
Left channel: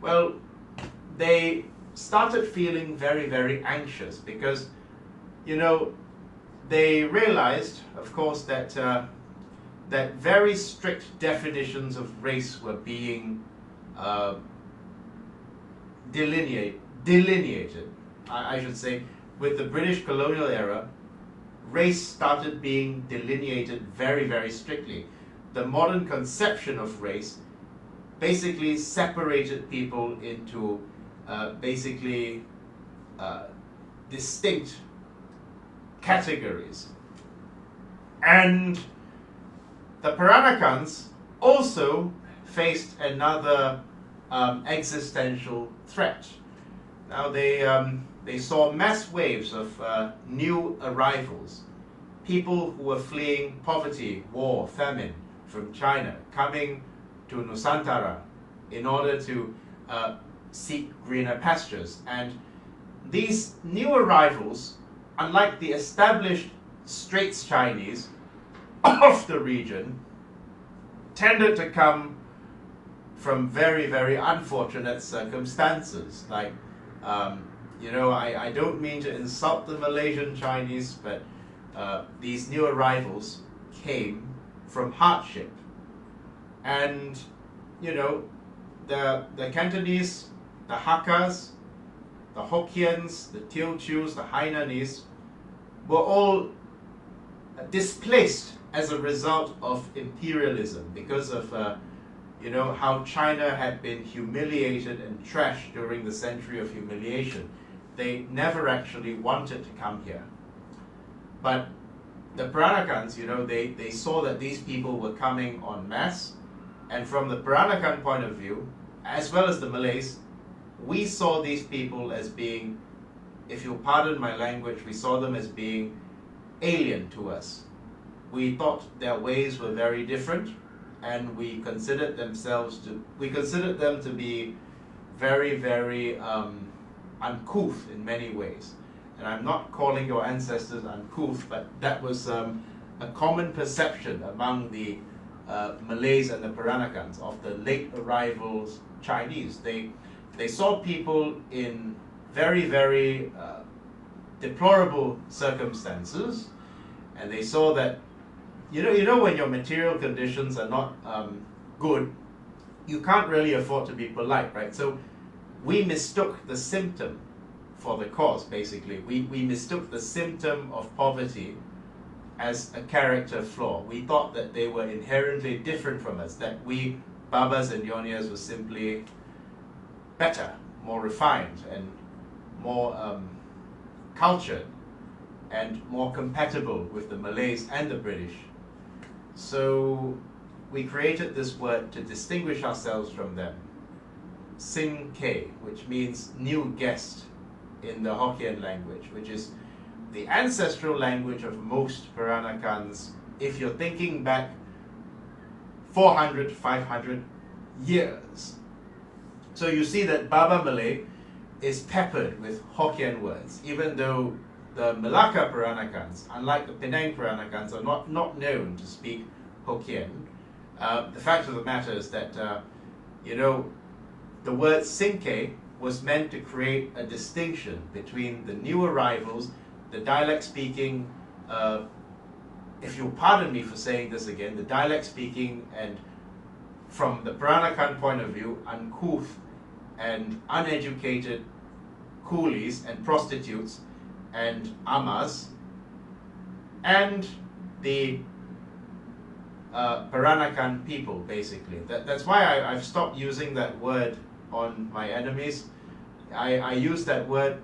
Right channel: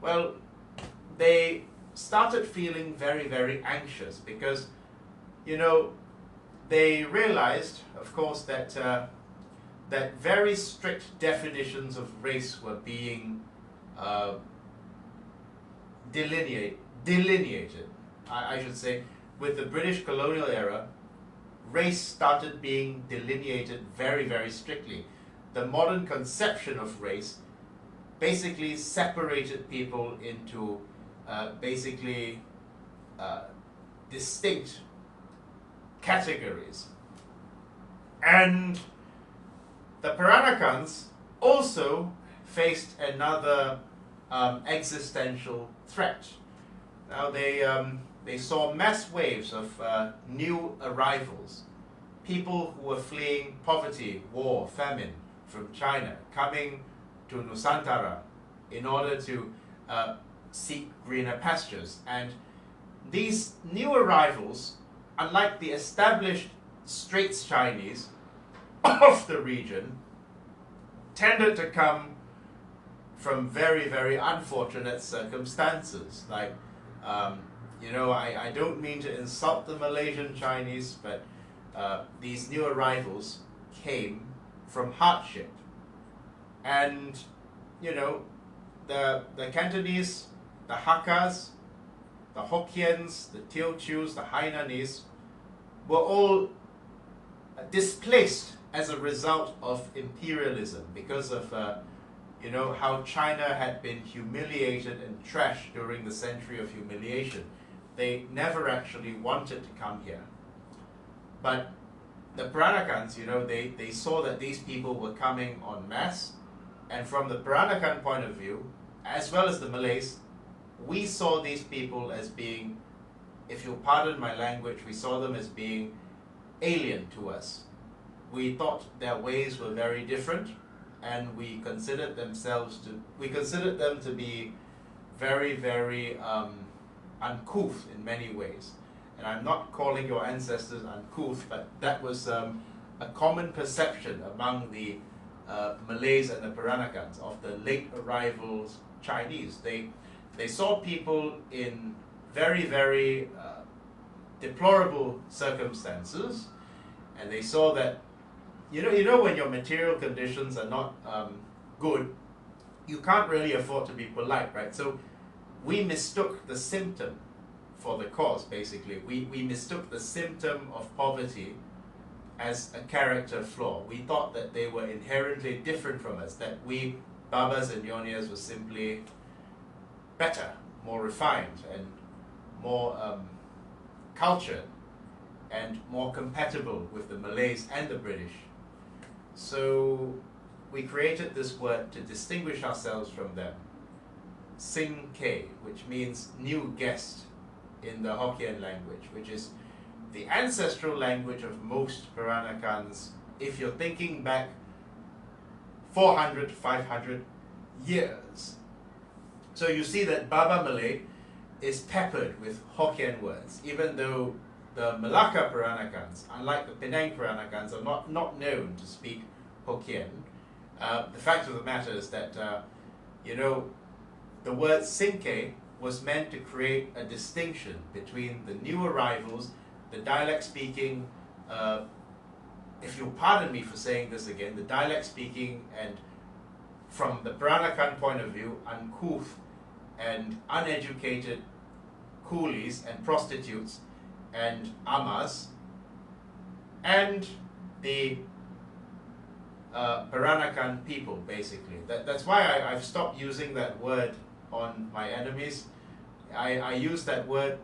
well, they started feeling very, very anxious because, you know, they realized, of course, that that very strict definitions of race were being delineated, I should say, with the British colonial era. Race started being delineated very, very strictly. The modern conception of race basically separated people into distinct categories. And the Peranakans also faced another existential threat. Now they saw mass waves of new arrivals, people who were fleeing poverty, war, famine from China, coming to Nusantara in order to seek greener pastures. And these new arrivals, unlike the established Straits Chinese of the region, tended to come from very, very unfortunate circumstances. Like, you know, I don't mean to insult the Malaysian Chinese, but these new arrivals came from hardship. And, you know, the Cantonese, the Hakkas, the Hokkiens, the Teochews, the Hainanese were all displaced as a result of imperialism because of you know, how China had been humiliated and trashed during the century of humiliation. They never actually wanted to come here. But the Peranakans, you know, they saw that these people were coming en masse, and from the Peranakan point of view, as well as the Malays, we saw these people as being, if you'll pardon my language, we saw them as being alien to us. We thought their ways were very different, and we considered them to be very, very uncouth in many ways. And I'm not calling your ancestors uncouth, but that was a common perception among the Malays and the Peranakans of the late arrivals Chinese. They saw people in very, very deplorable circumstances, and they saw that, you know when your material conditions are not good, you can't really afford to be polite, right? So we mistook the symptom for the cause, basically. We mistook the symptom of poverty as a character flaw. We thought that they were inherently different from us, that we, Babas and Nyonyas, were simply better, more refined, and more cultured, and more compatible with the Malays and the British. So we created this word to distinguish ourselves from them. Sinkeh, which means new guest in the Hokkien language, which is the ancestral language of most Peranakans, if you're thinking back 400, 500 years. So you see that Baba Malay is peppered with Hokkien words, even though the Melaka Peranakans, unlike the Penang Peranakans, are not known to speak Hokkien. The fact of the matter is that, you know, the word Sinkeh was meant to create a distinction between the new arrivals, the dialect speaking, if you'll pardon me for saying this again, the dialect speaking and, from the Peranakan point of view, uncouth and uneducated coolies and prostitutes and amas, and the Peranakan people, basically. That's why I've stopped using that word on my enemies. I used that word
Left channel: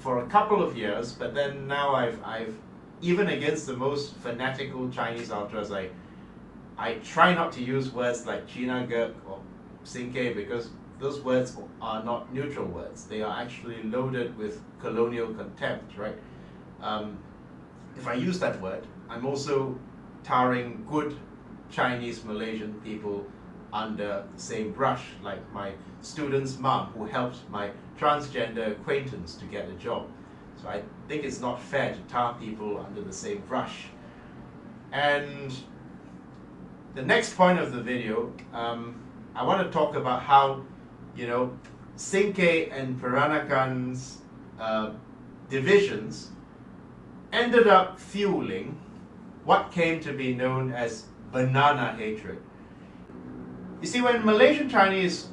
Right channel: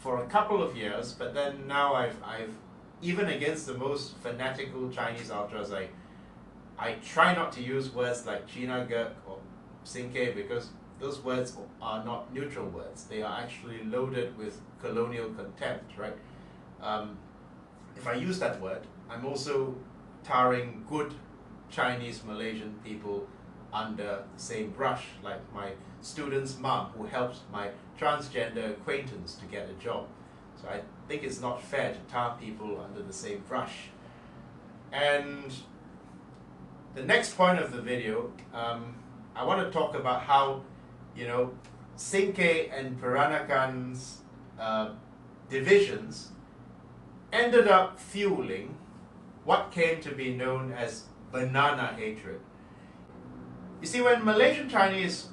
for a couple of years, but then now I've even against the most fanatical Chinese ultras, I try not to use words like China Gek or Sinkeh, because those words are not neutral words. They are actually loaded with colonial contempt, right? If I use that word, I'm also tarring good Chinese Malaysian people under the same brush, like my student's mom who helped my transgender acquaintance to get a job. So I think it's not fair to tar people under the same brush. And the next point of the video, I want to talk about how, Sinkeh and Peranakans divisions ended up fueling what came to be known as banana hatred. You see, when Malaysian Chinese,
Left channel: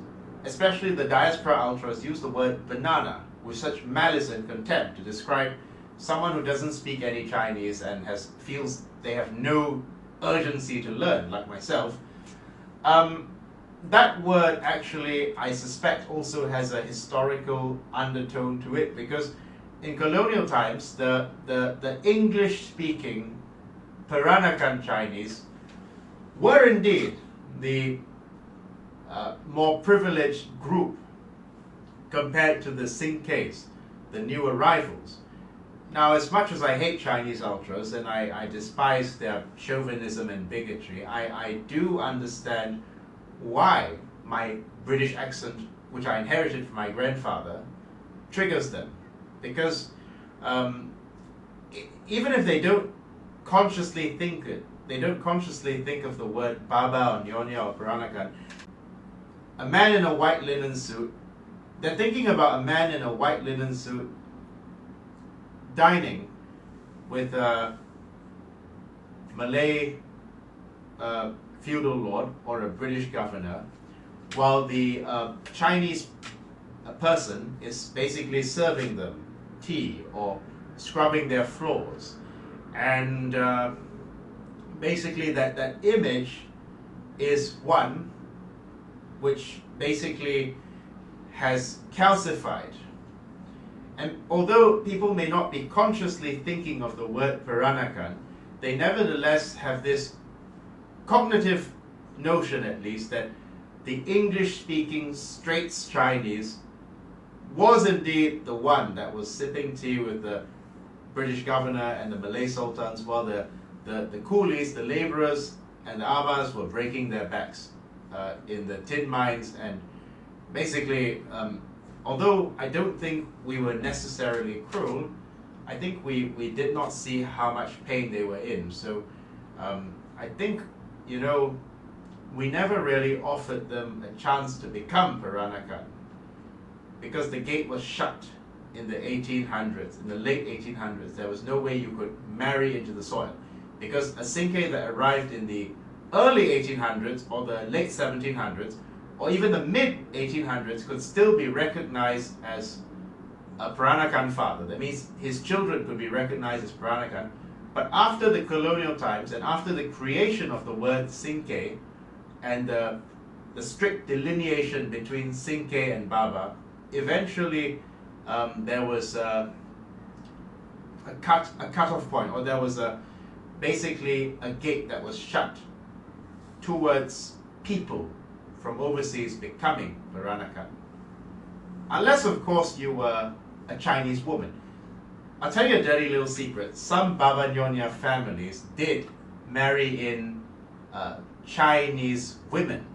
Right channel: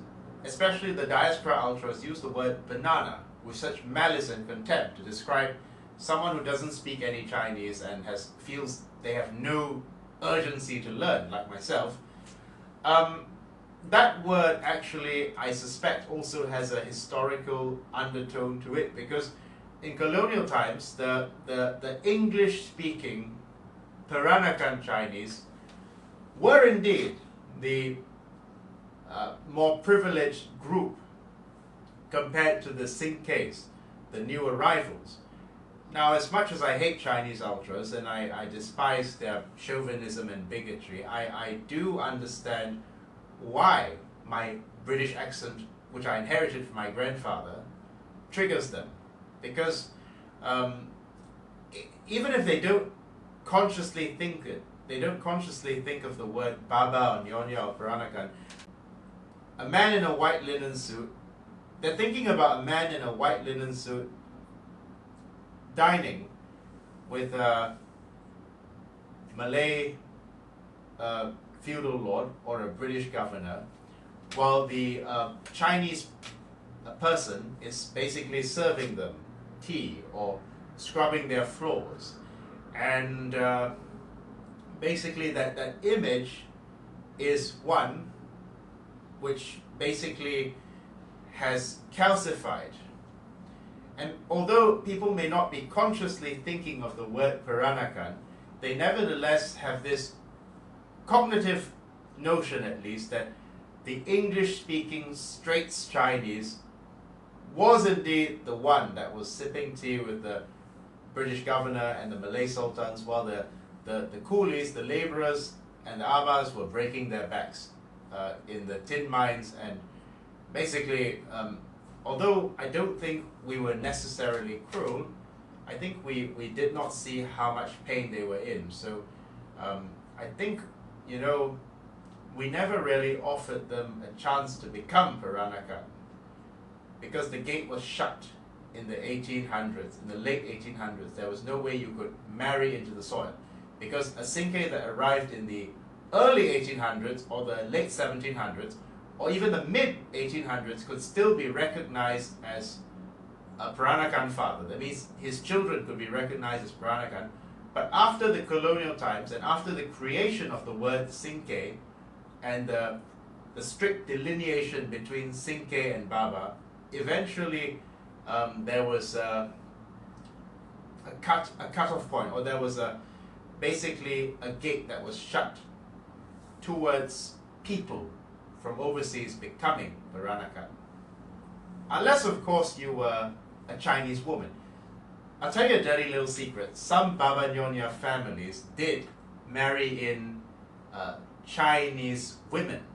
especially the diaspora ultras, use the word banana with such malice and contempt to describe someone who doesn't speak any Chinese and feels they have no urgency to learn, like myself, that word actually, I suspect, also has a historical undertone to it, because in colonial times, the English-speaking Peranakan Chinese were indeed the more privileged group compared to the Sinkehs, the new arrivals. Now, as much as I hate Chinese ultras and I despise their chauvinism and bigotry, I do understand why my British accent, which I inherited from my grandfather, triggers them. Because even if they don't consciously think it, they don't consciously think of the word Baba or Nyonya or Peranakan, a man in a white linen suit, they're thinking about a man in a white linen suit dining with a Malay feudal lord or a British governor, while the Chinese person is basically serving them tea or scrubbing their floors. And basically that image is one which basically has calcified. And although people may not be consciously thinking of the word Peranakan, they nevertheless have this cognitive notion, at least, that the English-speaking Straits Chinese was indeed the one that was sipping tea with the British governor and the Malay sultans, while the coolies, the laborers, and the Avars were breaking their backs in the tin mines. And basically, although I don't think we were necessarily cruel, I think we did not see how much pain they were in. So I think, we never really offered them a chance to become Peranakan, because the gate was shut in the 1800s, in the late 1800s. There was no way you could marry into the soil, because a Sinkeh that arrived in the early 1800s or the late 1700s or even the mid 1800s could still be recognized as a Peranakan father. That means his children could be recognized as Peranakan. But after the colonial times and after the creation of the word Sinkeh and the strict delineation between Sinkeh and Baba, eventually there was a cut-off point, or there was basically a gate that was shut towards people from overseas becoming Peranakan. Unless, of course, you were a Chinese woman. I'll tell you a dirty little secret. Some Baba Nyonya families did marry in Chinese women.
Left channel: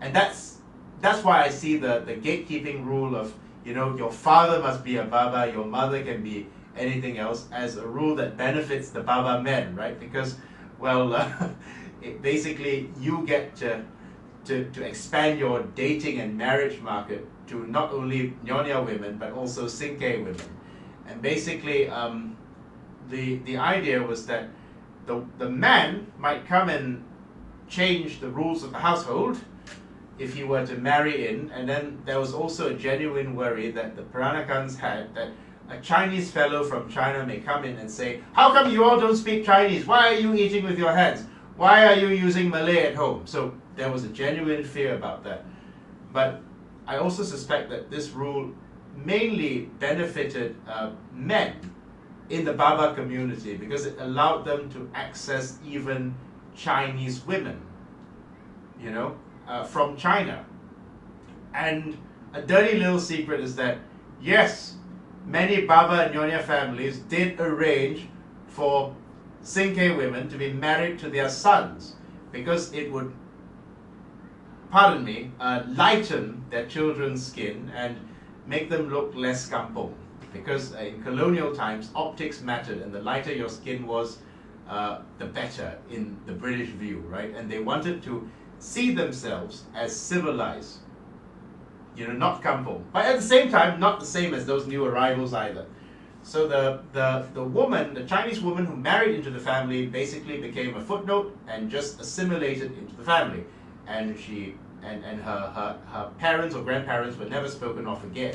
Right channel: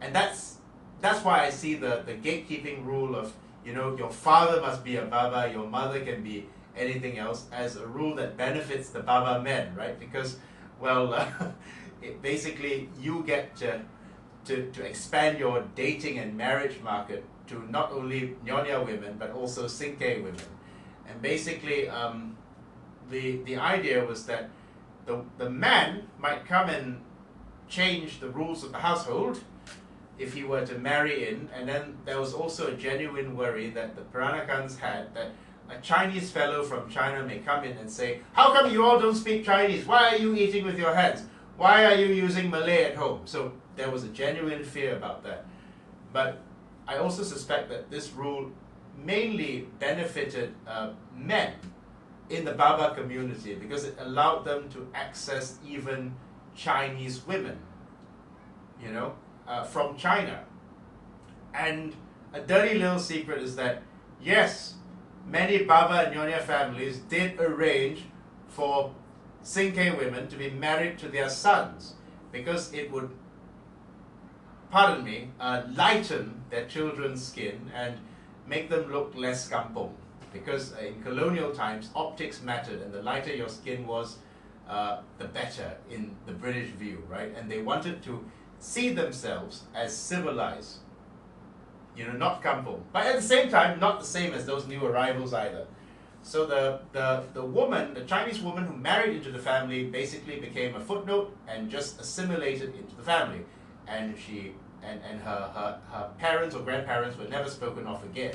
And that's why I see the gatekeeping rule of, your father must be a Baba, your mother can be anything else, as a rule that benefits the Baba men, right? Because, basically you get to expand your dating and marriage market to not only Nyonya women, but also Sinkeh women. And basically, the idea was that the man might come and change the rules of the household if he were to marry in, and then there was also a genuine worry that the Peranakans had that a Chinese fellow from China may come in and say, how come you all don't speak Chinese? Why are you eating with your hands? Why are you using Malay at home? So there was a genuine fear about that. But I also suspect that this rule mainly benefited men in the Baba community, because it allowed them to access even Chinese women, from China. And a dirty little secret is that, yes, many Baba and Nyonya families did arrange for Sinkeh women to be married to their sons, because it would, pardon me, lighten their children's skin and make them look less kampong. Because in colonial times, optics mattered, and the lighter your skin was, the better in the British view, right? And they wanted to see themselves as civilized, you know, not kampong. But at the same time, not the same as those new arrivals either. So the woman, the Chinese woman who married into the family, basically became a footnote and just assimilated into the family. And she and her parents or grandparents were never spoken of again.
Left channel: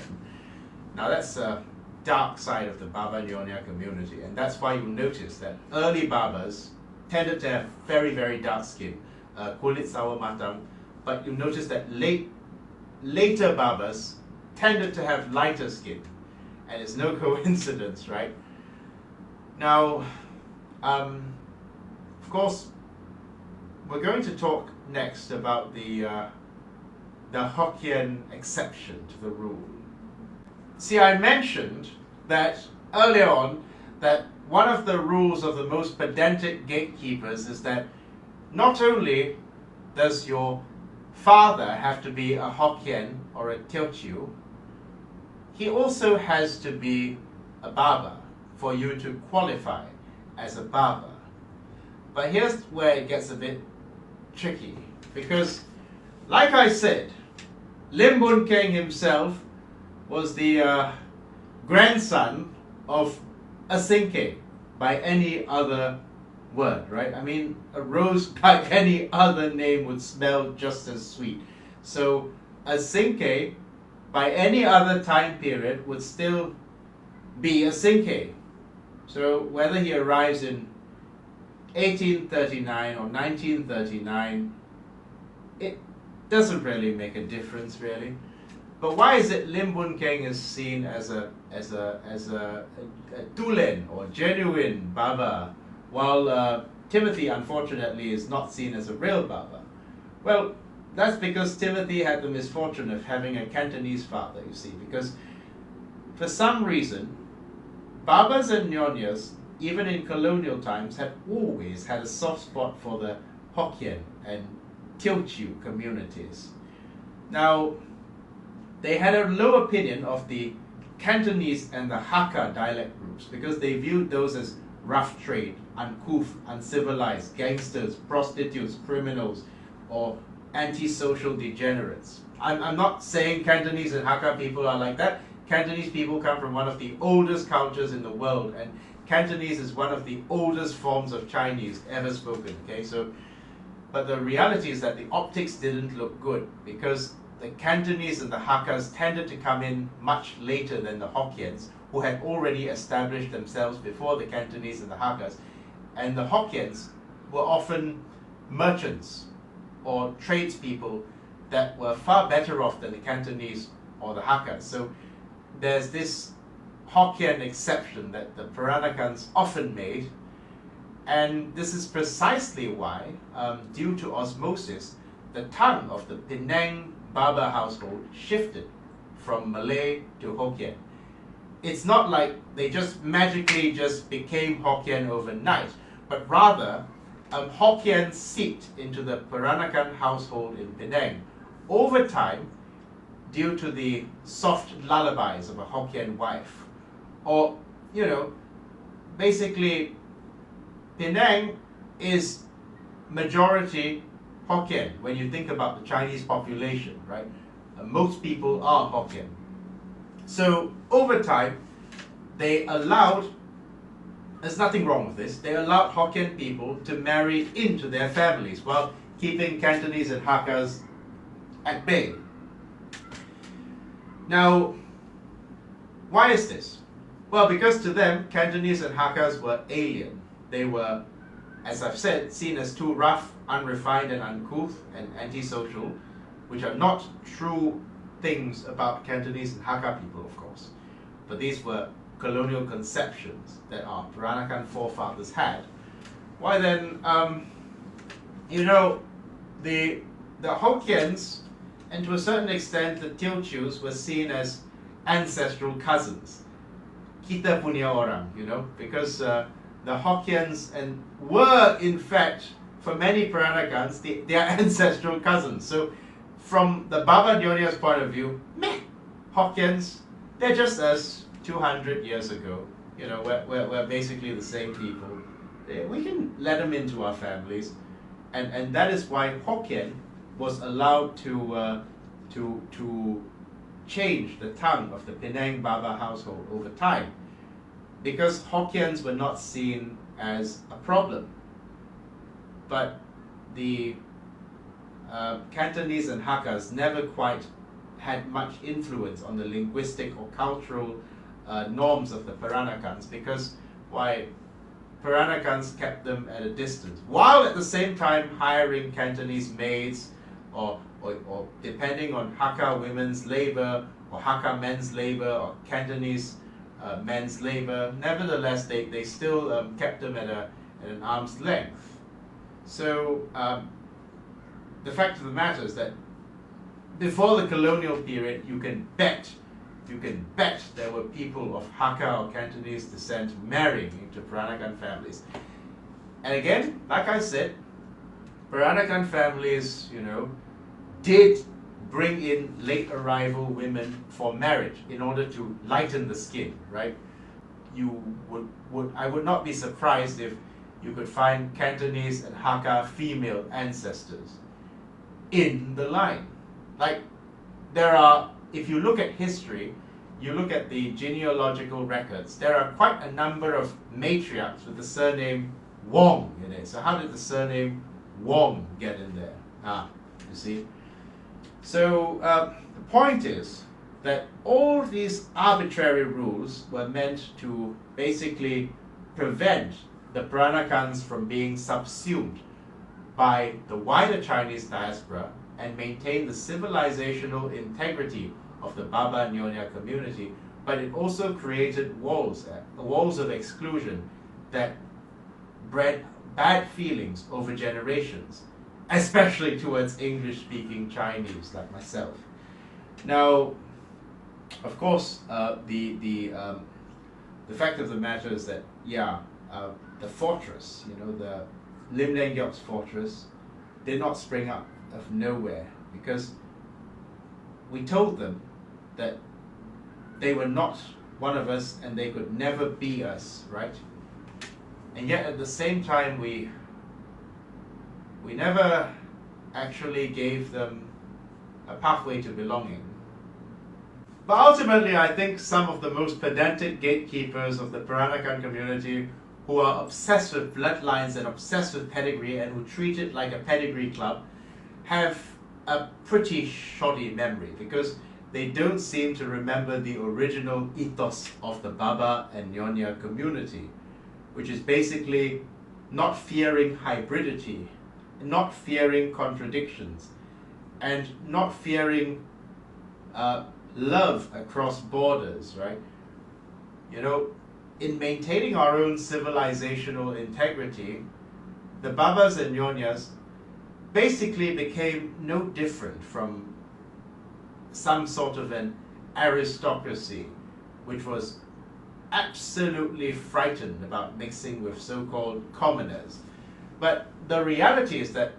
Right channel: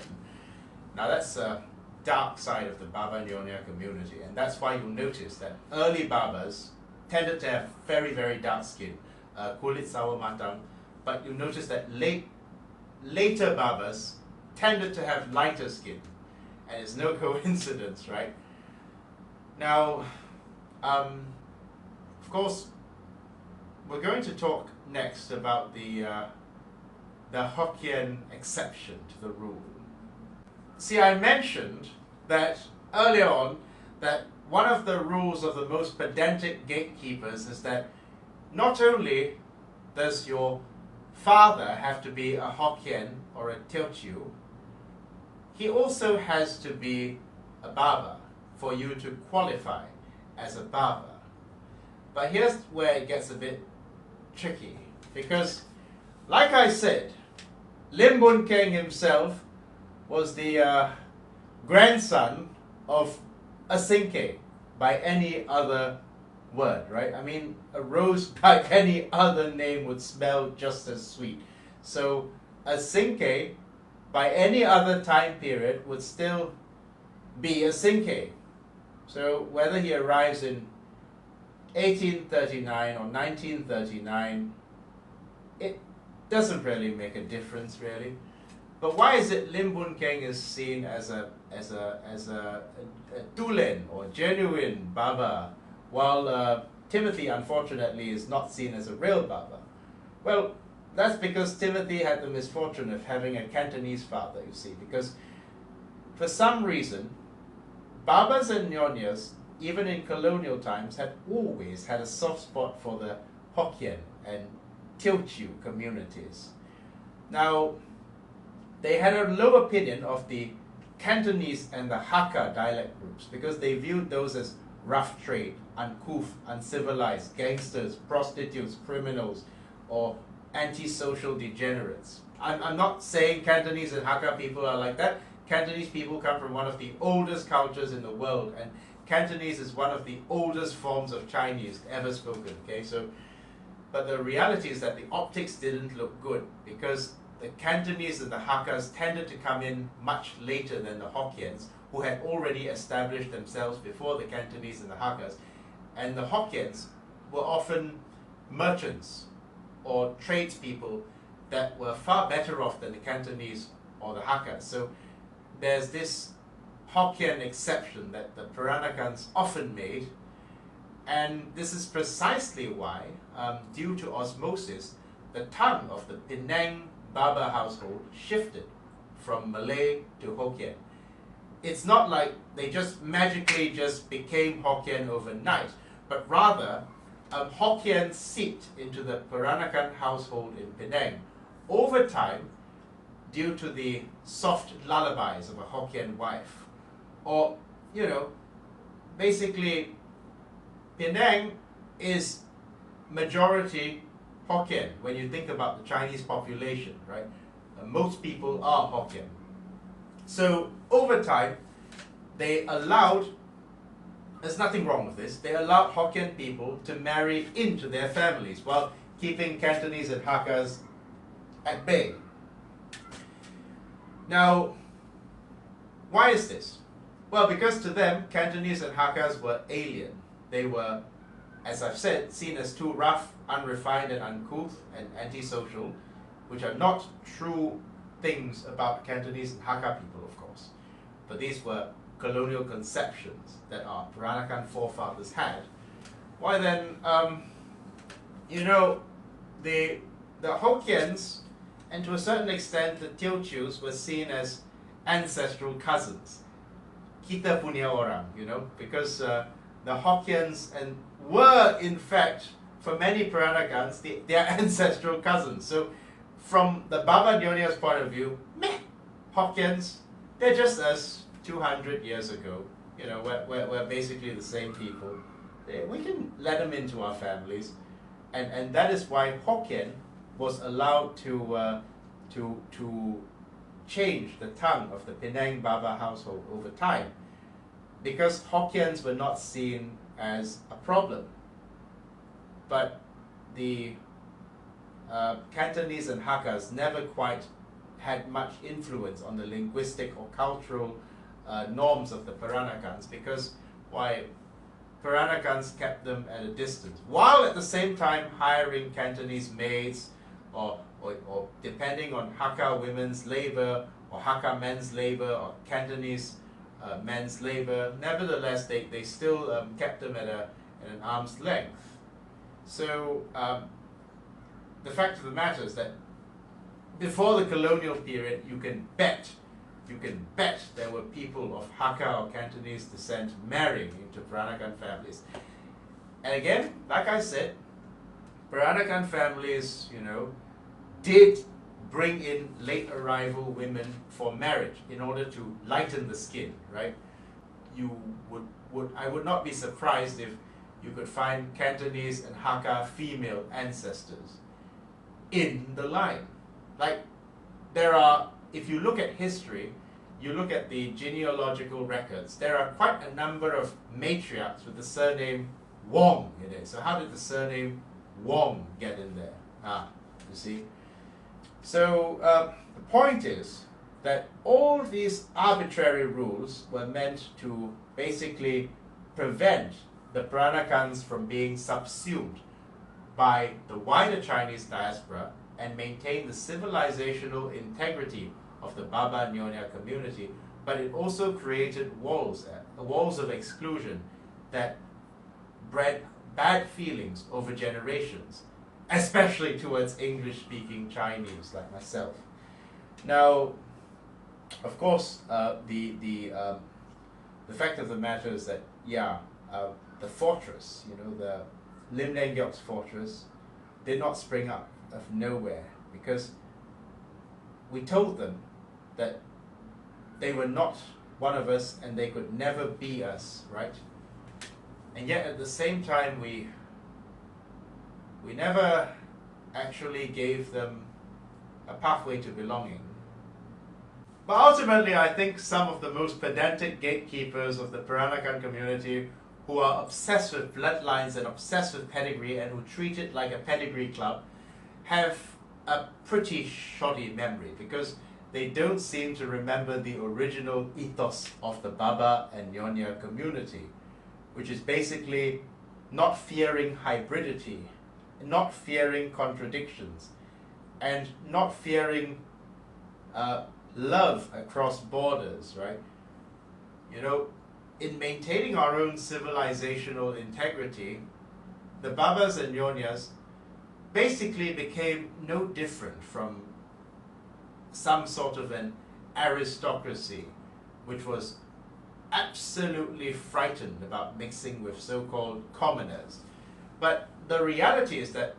Now that's a dark side of the Baba Nyonya community, and that's why you'll notice that early Babas tended to have very, very dark skin, kulit sawo matang, but you'll notice that later Babas tended to have lighter skin, and it's no coincidence, right? Now, of course, we're going to talk next about the Hokkien exception to the rule. See, I mentioned that earlier on that one of the rules of the most pedantic gatekeepers is that not only does your father have to be a Hokkien or a Teochew, he also has to be a Baba for you to qualify as a Baba. But here's where it gets a bit tricky, because like I said, Lim Boon Keng himself was the grandson of a Sinkeh by any other word, right? I mean, a rose by any other name would smell just as sweet. So a Sinkeh by any other time period would still be a Sinkeh. So whether he arrives in 1839 or 1939, it doesn't really make a difference, really. But why is it Lim Boon Keng is seen as a tulen or genuine Baba, while Timothy, unfortunately, is not seen as a real Baba? Well, that's because Timothy had the misfortune of having a Cantonese father, you see, because for some reason, Babas and Nyonyas, even in colonial times, have always had a soft spot for the Hokkien and Teochew communities. Now, they had a low opinion of the Cantonese and the Hakka dialect groups because they viewed those as rough trade, uncouth, uncivilized, gangsters, prostitutes, criminals, or antisocial degenerates. I'm not saying Cantonese and Hakka people are like that. Cantonese people come from one of the oldest cultures in the world, and Cantonese is one of the oldest forms of Chinese ever spoken, okay? So, but the reality is that the optics didn't look good because the Cantonese and the Hakkas tended to come in much later than the Hokkiens, who had already established themselves before the Cantonese and the Hakkas. And the Hokkiens were often merchants or tradespeople that were far better off than the Cantonese or the Hakkas. So there's this Hokkien exception that the Peranakans often made, and this is precisely why, due to osmosis, the tongue of the Penang Baba household shifted from Malay to Hokkien. It's not like they just magically just became Hokkien overnight, but rather Hokkien seeped into the Peranakan household in Penang over time due to the soft lullabies of a Hokkien wife. Or, you know, basically Penang is majority Hokkien when you think about the Chinese population, right? Most people are Hokkien. So over time, they allowed, there's nothing wrong with this, they allowed Hokkien people to marry into their families while keeping Cantonese and Hakkas at bay. Now, why is this? Well, because to them, Cantonese and Hakkas were alien. They were, as I've said, seen as too rough, unrefined and uncouth and antisocial, which are not true things about Cantonese and Hakka people, of course. But these were colonial conceptions that our Peranakan forefathers had. Why then, you know, the Hokkiens, and to a certain extent the Teochews, were seen as ancestral cousins. Kita punya orang, you know, because the Hokkiens were in fact for many Peranakans, they are ancestral cousins. So from the Baba Nyonya's point of view, meh, Hokkiens, they're just us 200 years ago. You know, we're basically the same people. We can let them into our families. And that is why Hokkien was allowed to change the tongue of the Penang Baba household over time, because Hokkiens were not seen as a problem. But the Cantonese and Hakkas never quite had much influence on the linguistic or cultural norms of the Peranakans, because Peranakans kept them at a distance, while at the same time hiring Cantonese maids or depending on Hakka women's labor or Hakka men's labor or Cantonese men's labor. Nevertheless, they still kept them at an arm's length. So the fact of the matter is that before the colonial period, you can bet there were people of Hakka or Cantonese descent marrying into Peranakan families. And again, like I said, Peranakan families, you know, did bring in late arrival women for marriage in order to lighten the skin, right? I would not be surprised if you could find Cantonese and Hakka female ancestors in the line. Like, there are, if you look at history, you look at the genealogical records, there are quite a number of matriarchs with the surname Wong in it. So how did the surname Wong get in there? You see? So the point is that all these arbitrary rules were meant to basically prevent the Peranakans from being subsumed by the wider Chinese diaspora and maintain the civilizational integrity of the Baba Nyonya community, but it also created walls of exclusion that bred bad feelings over generations, especially towards English-speaking Chinese like myself. Now, of course, the fact of the matter is that, the fortress, you know, the Lim Boon Keng's fortress, did not spring up of nowhere, because we told them that they were not one of us and they could never be us, right? And yet at the same time, we never actually gave them a pathway to belonging. But ultimately, I think some of the most pedantic gatekeepers of the Peranakan community, who are obsessed with bloodlines and obsessed with pedigree and who treat it like a pedigree club, have a pretty shoddy memory, because they don't seem to remember the original ethos of the Baba and Nyonya community, which is basically not fearing hybridity, not fearing contradictions, and not fearing love across borders, right? You know, in maintaining our own civilizational integrity, the Babas and Nyonyas basically became no different from some sort of an aristocracy which was absolutely frightened about mixing with so-called commoners. But the reality is that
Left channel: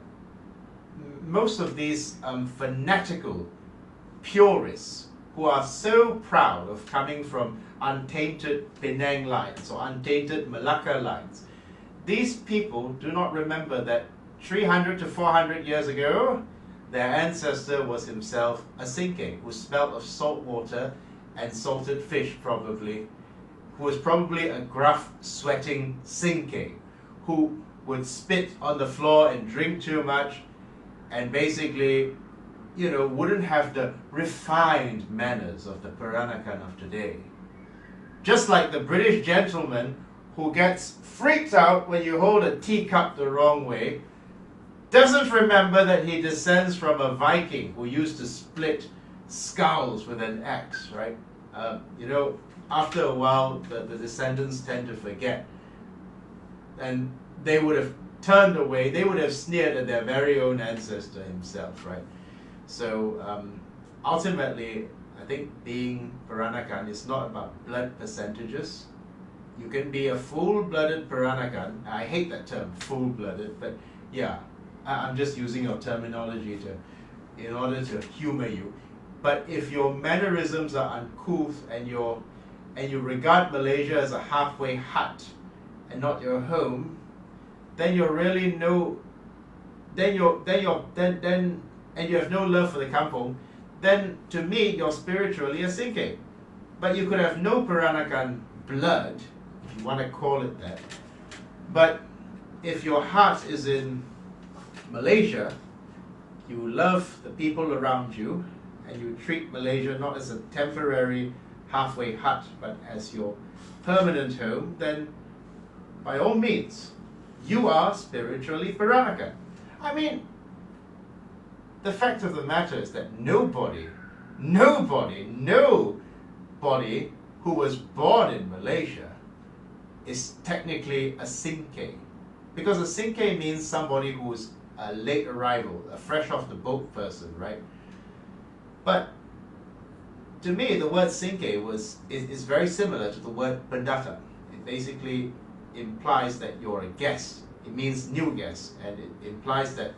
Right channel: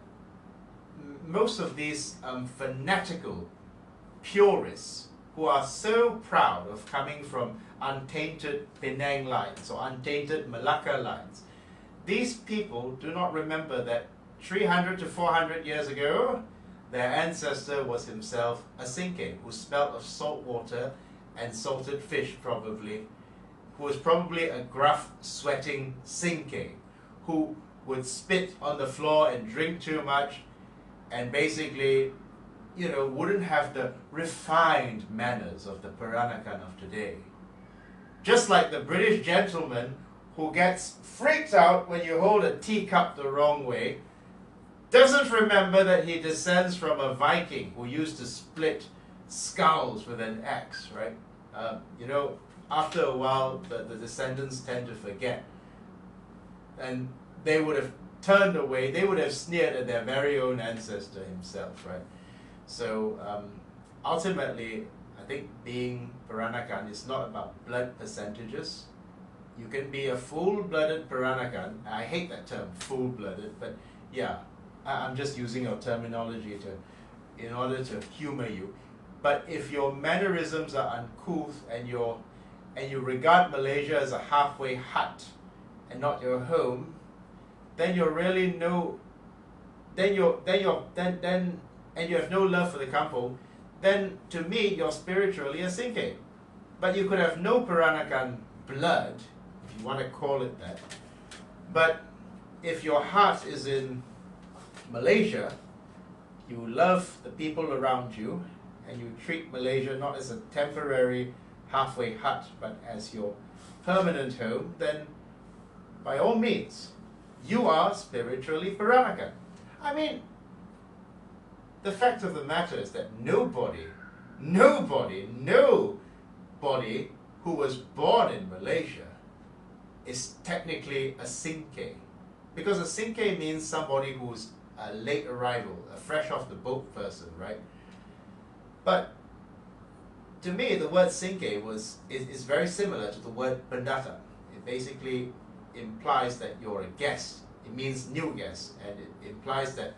most of these fanatical purists who are so proud of coming from untainted Penang lines or untainted Melaka lines, these people do not remember that 300 to 400 years ago, their ancestor was himself a Sinkeh, who smelt of salt water and salted fish probably, who was probably a gruff, sweating Sinkeh, who would spit on the floor and drink too much, and basically, you know, wouldn't have the refined manners of the Peranakan of today. Just like the British gentleman who gets freaked out when you hold a teacup the wrong way, doesn't remember that he descends from a Viking who used to split skulls with an axe, right? You know, after a while, the descendants tend to forget. And they would have turned away, they would have sneered at their very own ancestor himself, right? So ultimately, I think being Peranakan is not about blood percentages. You can be a full-blooded Peranakan. I hate that term, full-blooded, but Yeah, I'm just using your terminology in order to humor you. But if your mannerisms are uncouth and you regard Malaysia as a halfway hut and not your home, then you're really and you have no love for the kampong, then to me you're spiritually a Sinkeh. But you could have no Peranakan blood, if you want to call it that. But if your heart is in Malaysia, you love the people around you, and you treat Malaysia not as a temporary halfway hut, but as your permanent home, then by all means, you are spiritually Peranakan. I mean, the fact of the matter is that nobody who was born in Malaysia is technically a Sinkeh. Because a Sinkeh means somebody who's a late arrival, a fresh off the boat person, right? But to me, the word Sinkeh is very similar to the word pendatang. It basically implies that you're a guest. It means new guest, and it implies that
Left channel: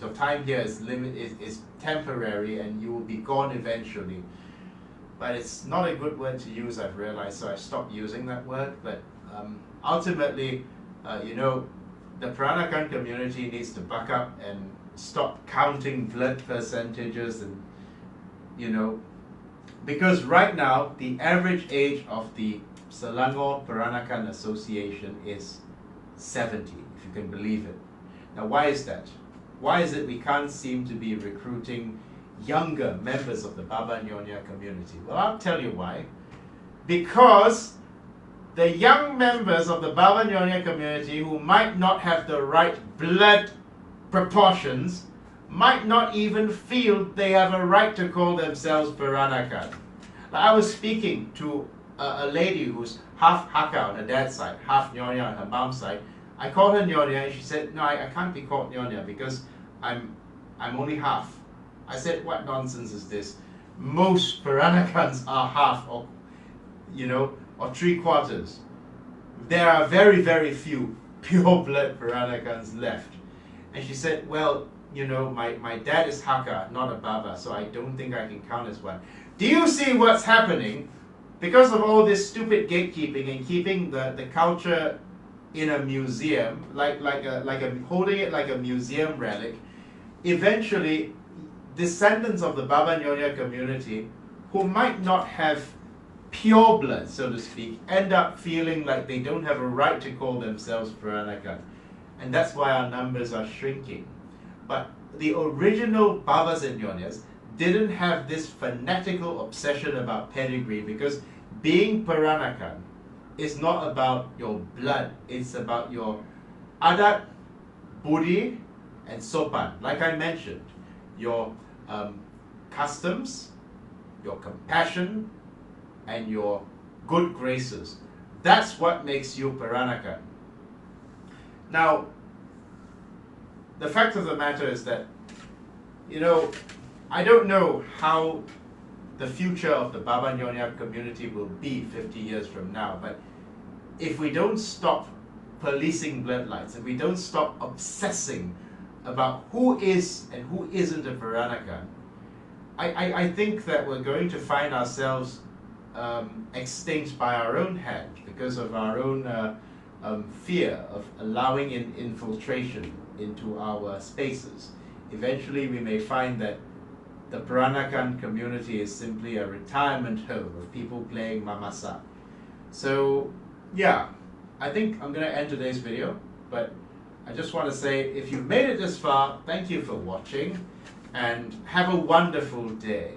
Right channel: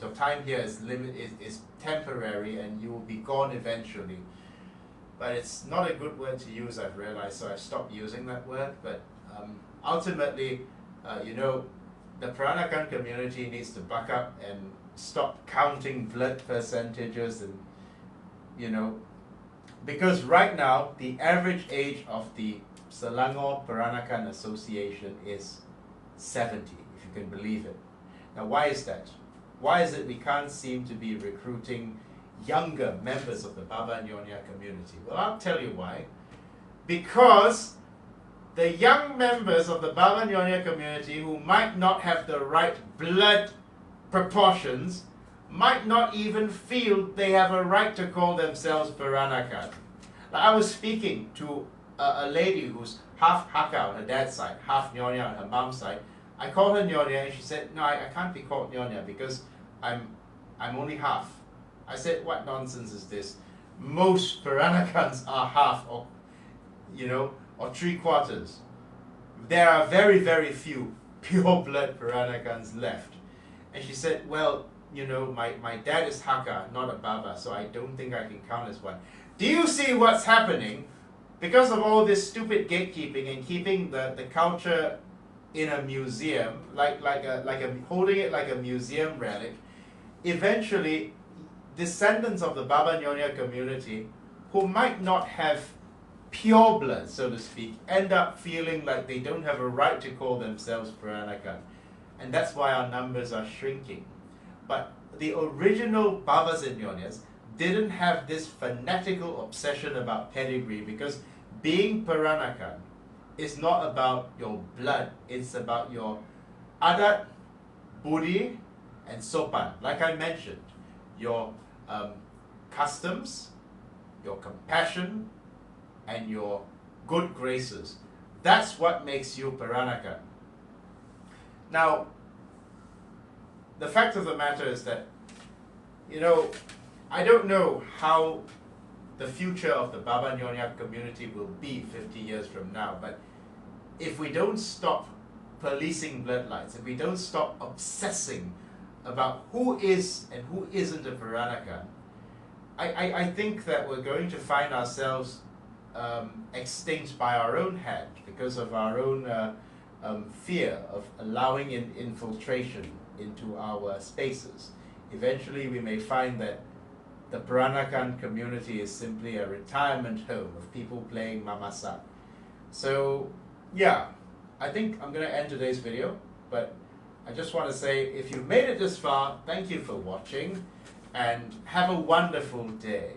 your time here is temporary and you will be gone eventually. But it's not a good word to use, I've realized, so I've stopped using that word. But ultimately, the Peranakan community needs to buck up and stop counting blood percentages and, because right now, the average age of the Selangor Peranakan Association is 70, if you can believe it. Now, why is that? Why is it we can't seem to be recruiting younger members of the Baba Nyonya community? Well, I'll tell you why. Because the young members of the Baba Nyonya community who might not have the right blood proportions might not even feel they have a right to call themselves Peranakan. Like I was speaking to a lady who's half Hakka on her dad's side, half Nyonya on her mom's side. I called her Nyonya and she said, no, I can't be called Nyonya because I'm only half. I said, what nonsense is this? Most Peranakans are half or 3/4. There are very, very few pure blood Peranakans left. And she said, well, my dad is Hakka, not a Baba, so I don't think I can count as one. Do you see what's happening? Because of all this stupid gatekeeping and keeping the culture in a museum, holding it like a museum relic, eventually descendants of the Baba Nyonya community who might not have pure blood, so to speak, end up feeling like they don't have a right to call themselves Peranakan. And that's why our numbers are shrinking. But the original Babas and Nyonyas didn't have this fanatical obsession about pedigree, because being Peranakan is not about your blood, it's about your adat, budi, and sopan. Like I mentioned, your customs, your compassion, and your good graces. That's what makes you Peranakan. Now, the fact of the matter is that, I don't know how the future of the Baba Nyonya community will be 50 years from now, but if we don't stop policing bloodlines, if we don't stop obsessing about who is and who isn't a Peranakan, I think that we're going to find ourselves extinct by our own hand because of our own fear of allowing infiltration into our spaces. Eventually we may find that the Peranakan community is simply a retirement home of people playing mamasak. So yeah, I think I'm going to end today's video, but I just want to say, if you've made it this far, thank you for watching and have a wonderful day.